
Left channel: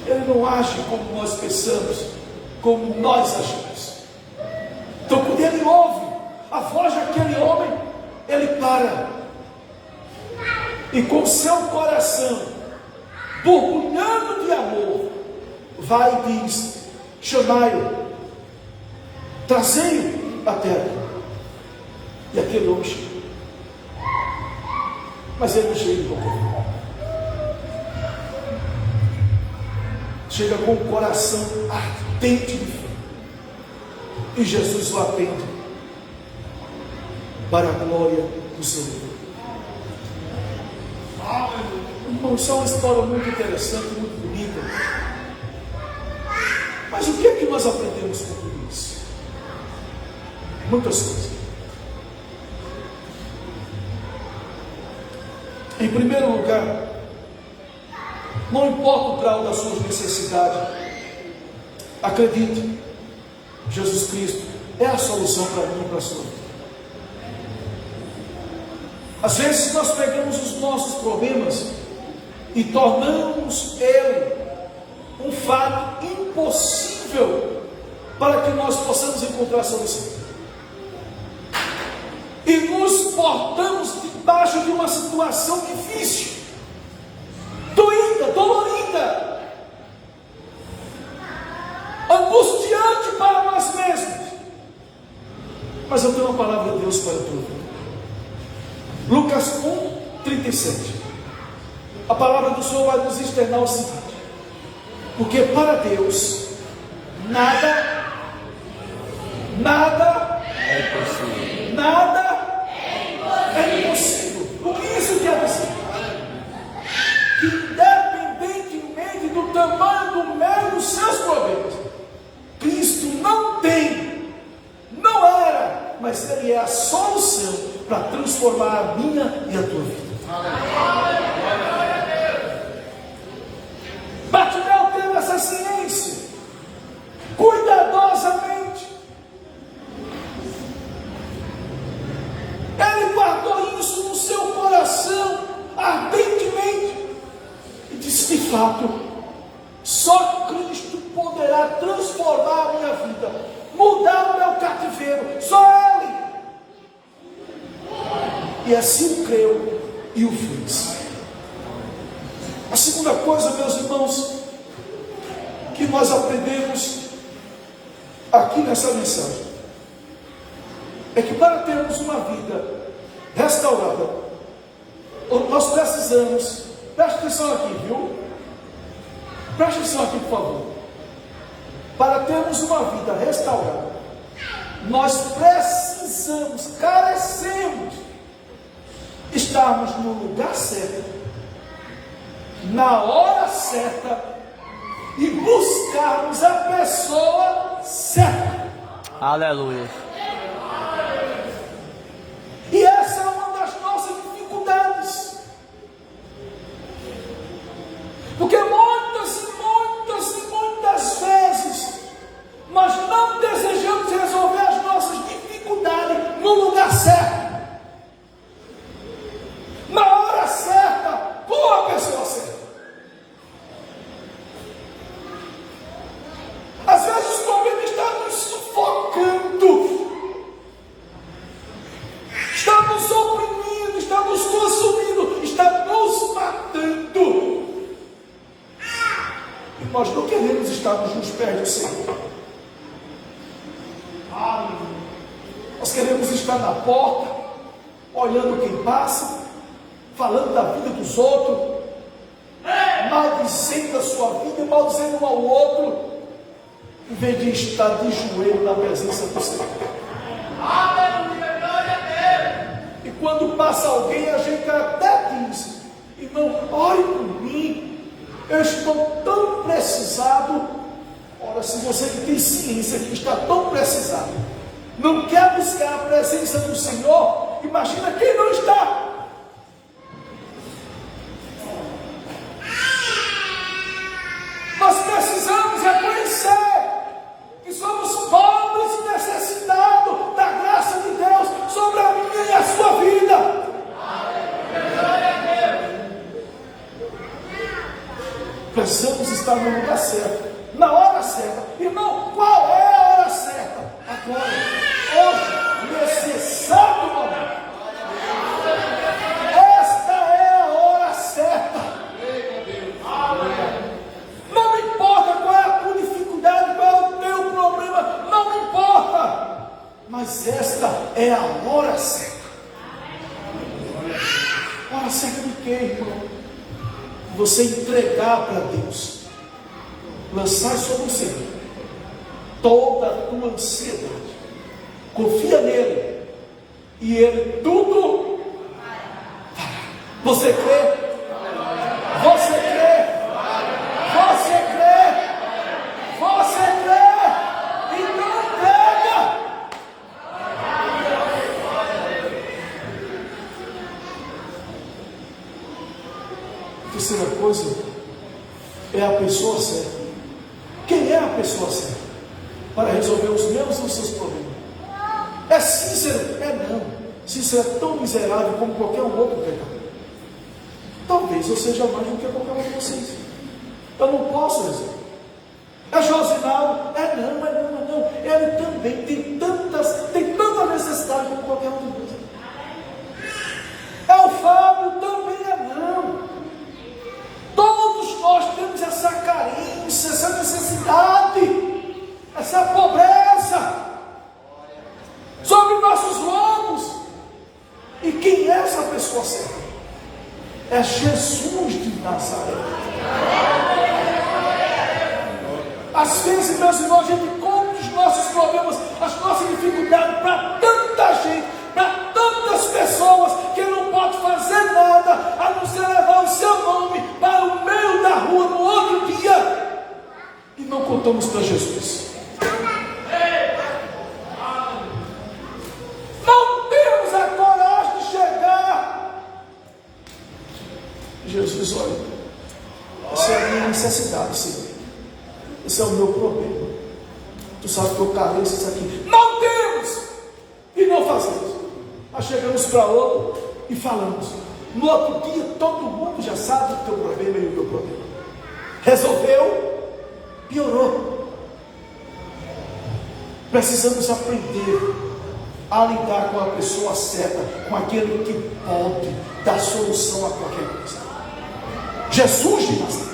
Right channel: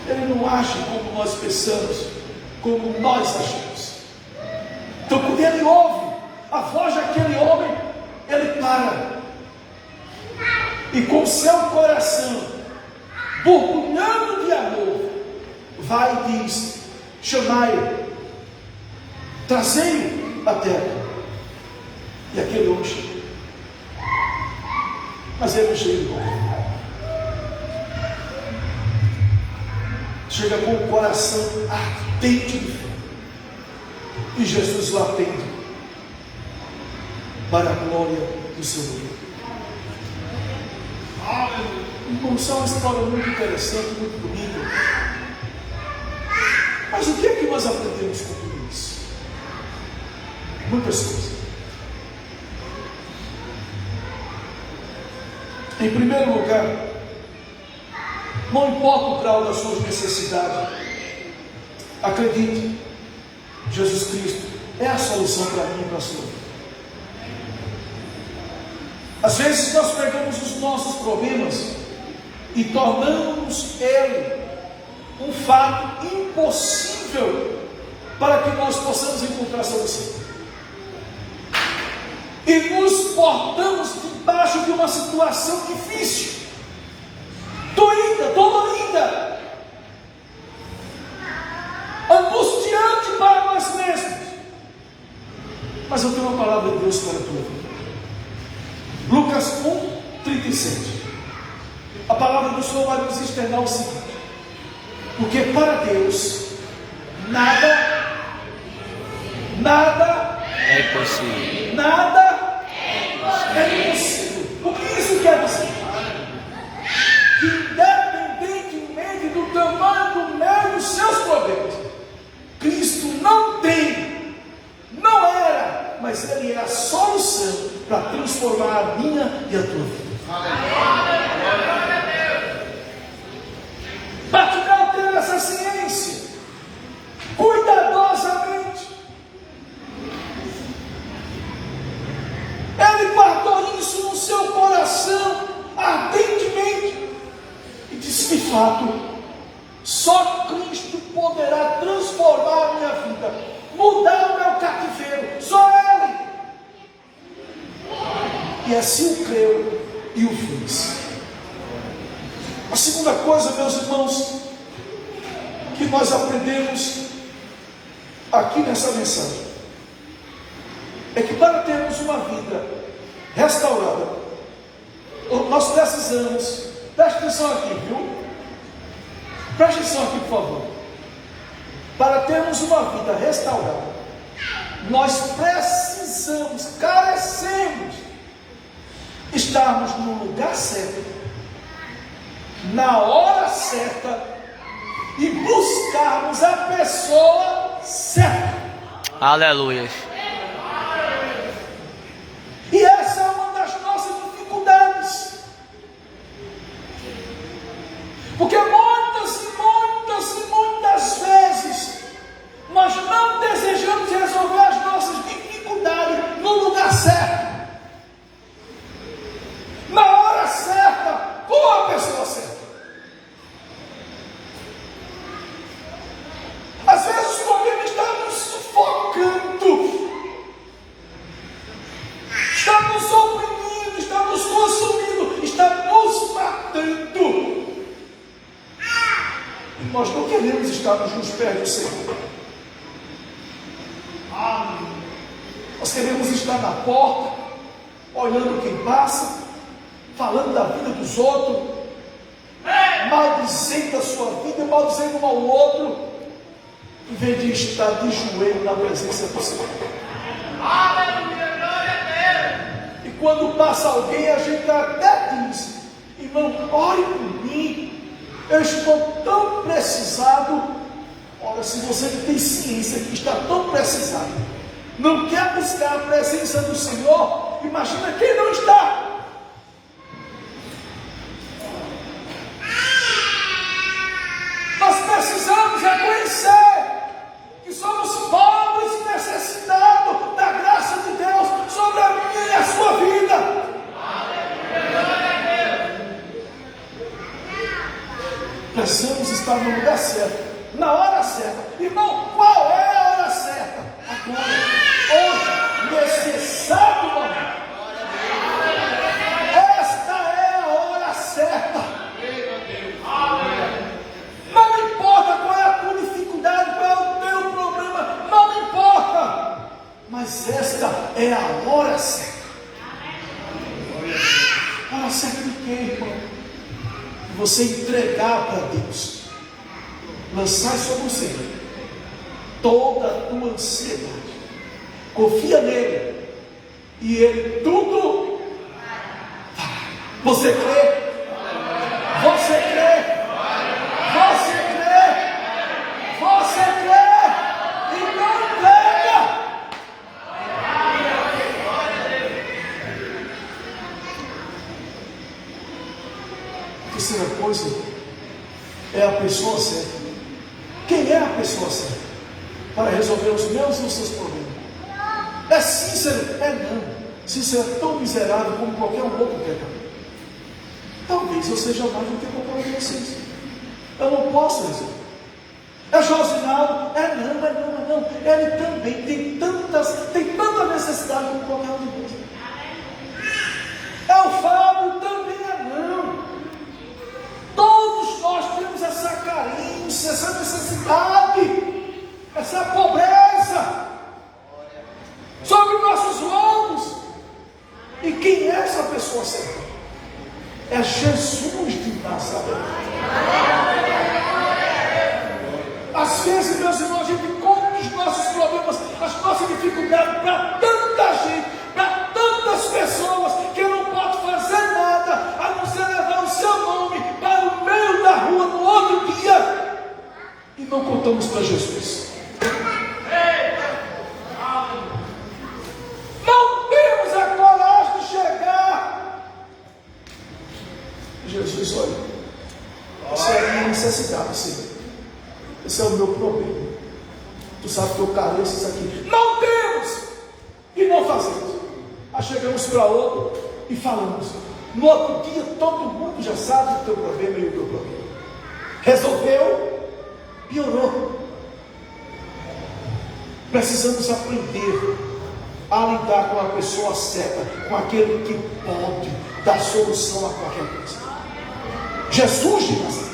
Ele não age como nós pensamos, como nós agimos. Então, quando ele ouve a voz daquele homem, ele para. E com seu coração borbulhando de amor, vai e diz: chamai-o, trazei-o à terra. E aquele homem chega. Mas ele não chega igual. Chega com o coração ardente de fé. E Jesus o atende para a glória do seu nome. Irmão, isso é uma história muito interessante, muito bonita. Mas o que é que nós aprendemos com tudo isso? Muitas coisas. Em primeiro lugar, não importa o grau das suas necessidades, acredite, Jesus Cristo é a solução para mim e para a sua vida. Às vezes nós pegamos os nossos problemas e tornamos ele um fato impossível para que nós possamos encontrar a solução. E nos portamos debaixo de uma situação difícil, doída, dolorida, angustiante para nós mesmos. Mas eu tenho uma palavra de Deus para a tua vida. Lucas 1:37. A palavra do Senhor vai nos externar o seguinte: porque para Deus nada É impossível. nada é impossível. O que isso quer dizer? Que independentemente do tamanho do meio dos seus problemas, Cristo não tem, não era, mas Ele é a solução para transformar a minha e a tua vida. Bartimeu teve essa ciência cuidadosamente. Ele guardou isso no seu coração ardentemente e disse: de fato, só Cristo poderá transformar a minha vida, mudar o meu cativeiro, só Ele. E assim creu e o fez. A segunda coisa, meus irmãos, que nós aprendemos aqui nessa mensagem, é que para termos uma vida restaurada, nós precisamos, preste atenção aqui, viu? Preste atenção aqui, por favor. Para termos uma vida restaurada, nós precisamos, carecemos, estarmos no lugar certo, na hora certa, e buscarmos a pessoa certa. Aleluia. E essa é uma das nossas dificuldades, porque muitas vezes nós não desejamos resolver as nossas dificuldades no lugar certo, na hora certa, com a pessoa certa. Às vezes o problema está nos sufocando, está nos oprimindo, está nos consumindo, está nos matando. E nós não queremos estar nos pés do Senhor. Nós queremos estar na porta, olhando quem passa, falando da vida dos outros, maldizendo a sua vida, maldizendo um ao outro, em vez de estar de joelho na presença do Senhor. E quando passa alguém, a gente até diz: irmão, ore por mim, eu estou tão precisado. Ora, se você tem ciência que está tão precisado, não quer buscar a presença do Senhor, imagina quem não está. Nós precisamos reconhecer que somos pobres e necessitados da graça de Deus sobre a minha e a sua vida. Precisamos estar no lugar certo, na hora certa. Irmão, qual é a hora certa? Agora, hoje, nesse exato momento. Esta é a hora certa. Não importa qual é a tua dificuldade, qual é o teu problema, não importa. Mas esta é a hora certa. A hora certa de quê, irmão? Você entregar para Deus, lançar sobre o Senhor toda a tua ansiedade, confia nele e ele tudo fará. Você crê? Você crê? Você crê? Você crê? Então entrega. Terceira coisa é a pessoa certa. Quem é a pessoa certa para resolver os meus e os seus problemas? É Cícero? É não. Cícero é tão miserável como qualquer um outro pecador. Talvez eu seja mais do que qualquer um de vocês. Eu não posso resolver. É Josinaldo? É não. Ele também tem tanta necessidade como qualquer um de vocês. É o Fábio? Também é não. Todos nós temos essa carência, essa necessidade, essa pobreza sobre os nossos lombos. E quem é essa pessoa certa? É Jesus de Nazaré. Às vezes, meus irmãos, a gente conta os nossos problemas, as nossas dificuldades para tanta gente, para tantas pessoas, que não pode fazer nada a não ser levar o seu nome para o meio da rua no outro dia, e não contamos para Jesus. Não temos a coragem de chegar. Jesus, olha, essa é a minha necessidade, Senhor. Esse é o meu problema. Tu sabe que eu careço isso aqui. Não temos! E não fazemos. Aí chegamos para outro e falamos. No outro dia todo mundo já sabe o teu problema e o meu problema. Resolveu? Piorou. Precisamos aprender a lidar com a pessoa certa, com aquele que pode dar solução a qualquer coisa. Jesus de Nazaré.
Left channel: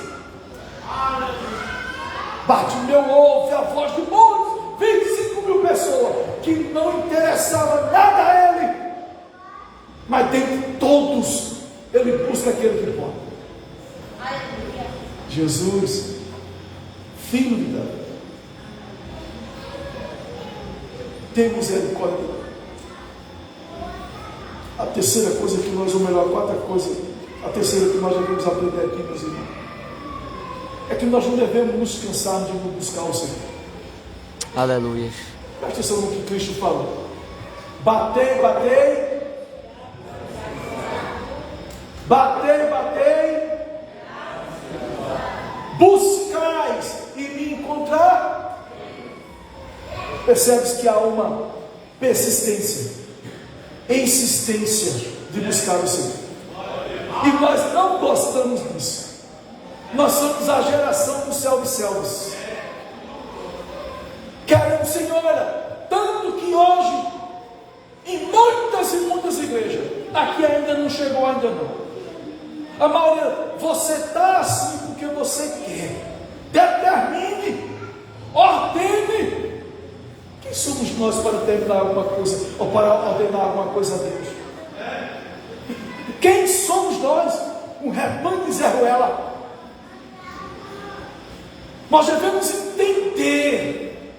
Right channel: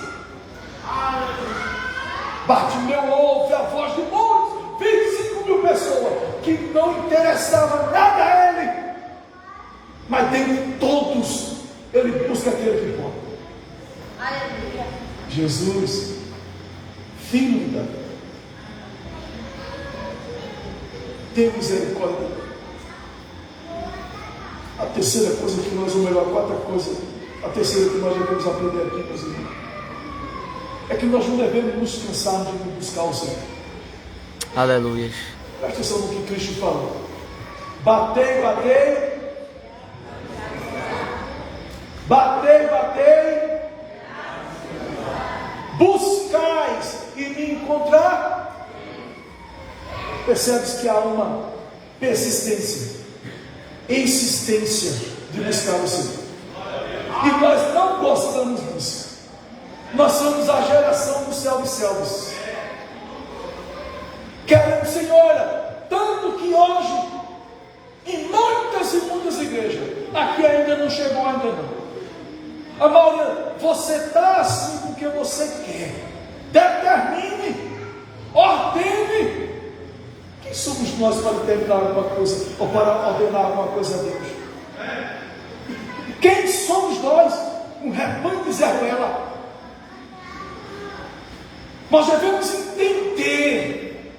Bartimeu ouve a voz de muitos, 25.000 pessoas, que não interessava nada a ele, mas dentre todos, ele busca aquele que pode. Aleluia. Jesus, Filho de Davi, tem misericórdia. A terceira coisa que nós, ou melhor, a quarta coisa, a terceira que nós devemos aprender aqui, meus irmãos, é que nós não devemos nos cansar de buscar o Senhor. Aleluia. Presta atenção no que Cristo falou. Batei, batei. Batei, batei. Buscais e me encontrar. Percebes que há uma persistência, insistência de buscar o Senhor. E nós não gostamos disso. Nós somos a geração dos self-selvos. Queremos, Senhor, olha, tanto que hoje, em muitas e muitas igrejas, aqui ainda não chegou, ainda não. A maioria, você está assim porque você quer. Determine, ordene. Quem somos nós para determinar alguma coisa, ou para ordenar alguma coisa a Deus? Quem somos nós? Um rebanho de Zé Ruela. Nós devemos entender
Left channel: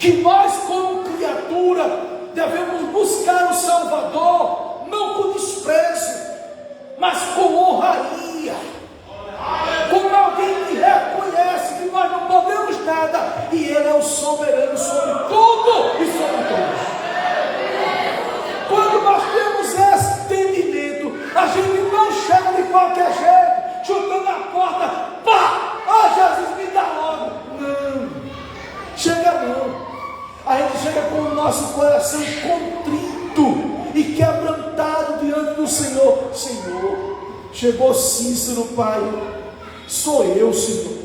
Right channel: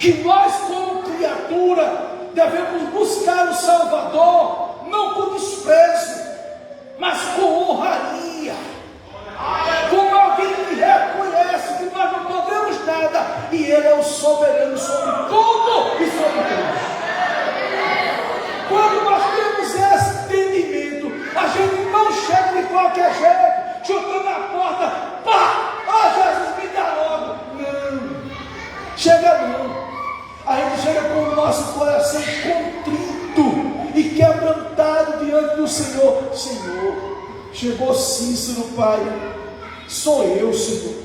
que nós, como criatura, devemos buscar o Salvador, não com desprezo, mas com honraria, como alguém que reconhece que nós não podemos nada, e Ele é o soberano sobre tudo e sobre todos. Quando nós temos esse entendimento, a gente não chega de qualquer jeito, chutando a porta, pá! Ah, Jesus, me dá logo. Não, chega não. A gente chega com o nosso coração contrito e quebrantado diante do Senhor. Senhor, Chegou Cícero, pai, sou eu, Senhor,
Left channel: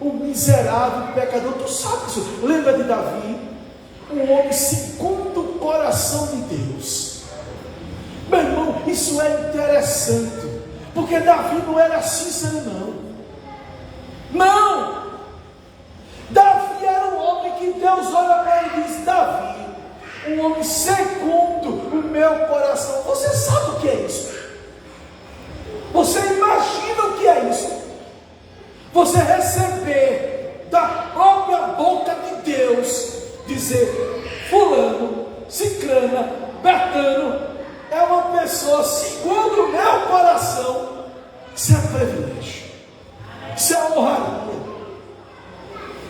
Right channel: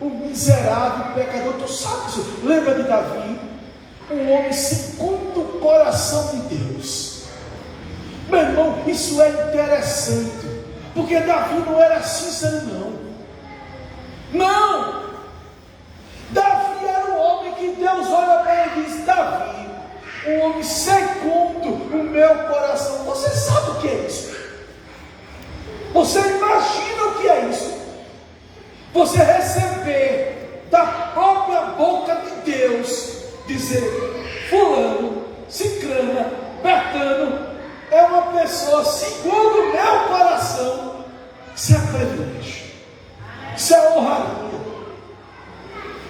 o miserável pecador. Tu sabe, Senhor, lembra de Davi, um homem segundo o coração de Deus. Meu irmão, isso é interessante, porque Davi não era Cícero, não. Davi era um homem que Deus olha para ele e diz: Davi, um homem segundo o meu coração. Você sabe o que é isso? Você imagina o que é isso? Você receber da própria boca de Deus dizer: fulano, cicrana, Bertano é uma pessoa segundo o meu coração. Isso é privilégio, isso é honraria.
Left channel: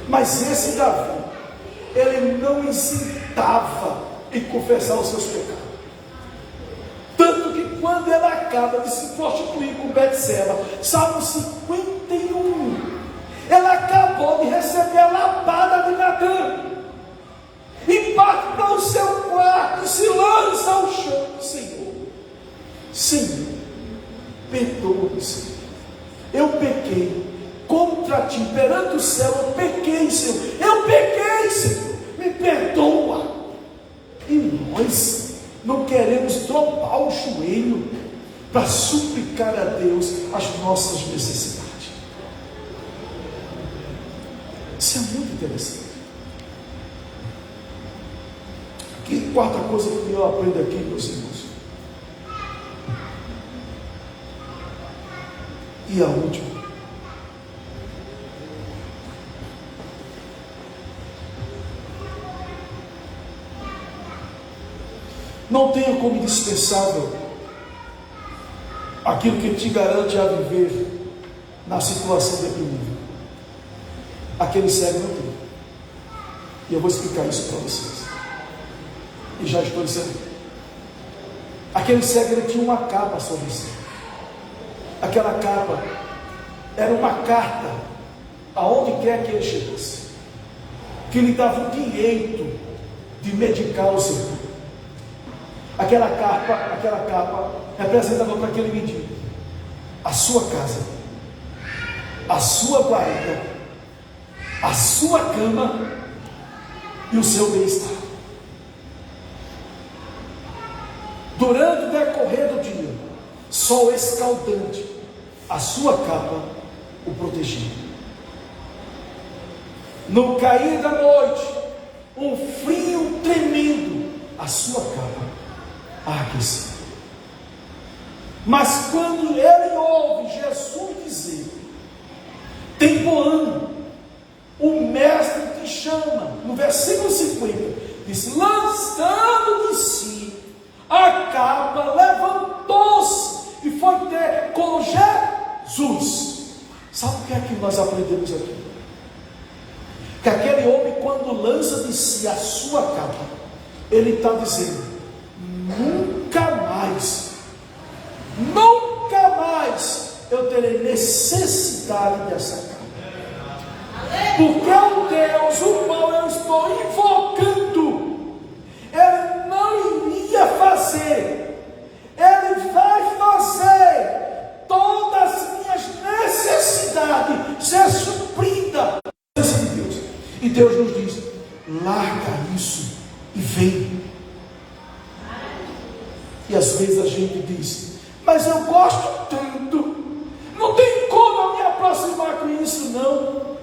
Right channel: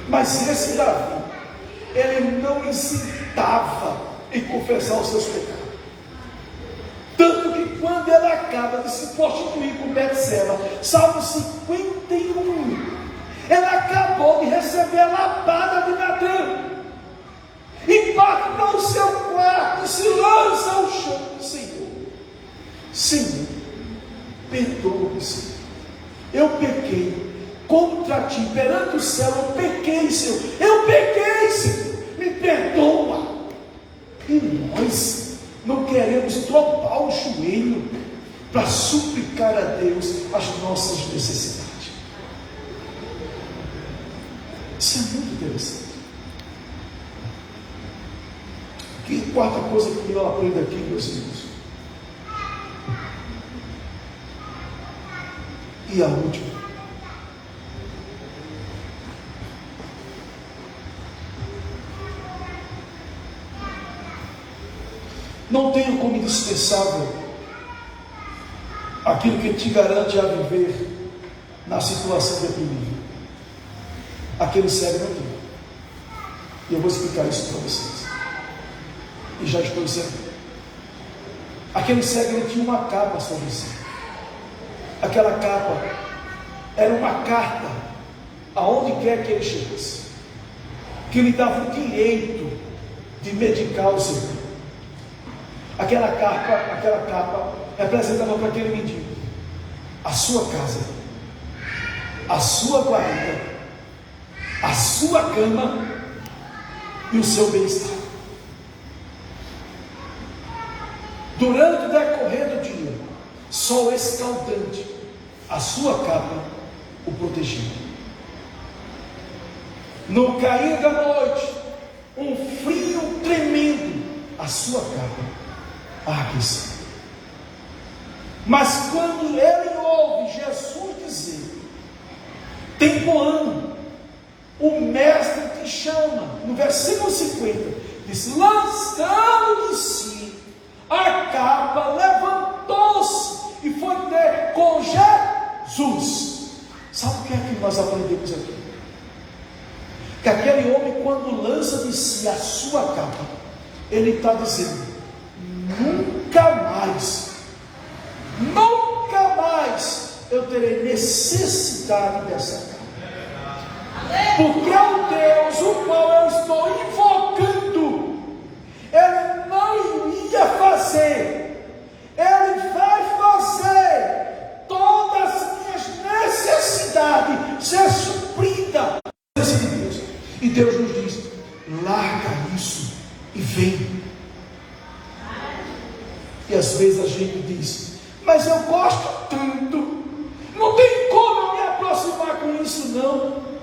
Mas esse Davi, ele não hesitava em confessar os seus pecados. Tanto que quando ele acaba de se prostituir com Betseba, Salmo 51, ele acabou de receber a lapada de Natã, e bate para o seu quarto, se lança ao chão: Senhor, Senhor, perdoa-me, Senhor, eu pequei contra ti, perante o céu eu pequei, Senhor, eu pequei, Senhor, me perdoa. E nós não queremos dobrar o joelho para suplicar a Deus as nossas necessidades. Isso é muito interessante. Que quarta coisa que eu aprendo aqui, meus irmãos? E a última: não tenha como indispensável aquilo que te garante a viver na situação deprimida. Aquele cego não tem. E eu vou explicar isso para vocês. E já estou dizendo. Aquele cego, ele tinha uma capa sobre si. Aquela capa era uma carta aonde quer que ele chegasse, que lhe dava o direito de medicar o seu filho. Aquela capa representava para aquele mendigo a sua casa, a sua guarida, a sua cama e o seu bem-estar. Durante o decorrer do dia, sol escaldante, a sua capa o protegia. No cair da noite, um frio tremendo, a sua capa a aquecer. Mas quando ele ouve Jesus dizer: tem bom ânimo, o mestre te chama, no versículo 50, diz: lançando de si a capa, levantou-se e foi ter com Jesus. Sabe o que é que nós aprendemos aqui? Que aquele homem, quando lança de si a sua capa, ele está dizendo: nunca mais eu terei necessidade dessa capa, porque o Deus o qual eu estou invocando, ele não iria fazer, ele vai fazer todas as minhas necessidades ser suprida de Deus. E Deus nos diz: larga isso e vem. E às vezes a gente diz: mas eu gosto tanto, não tem como eu me aproximar com isso, não.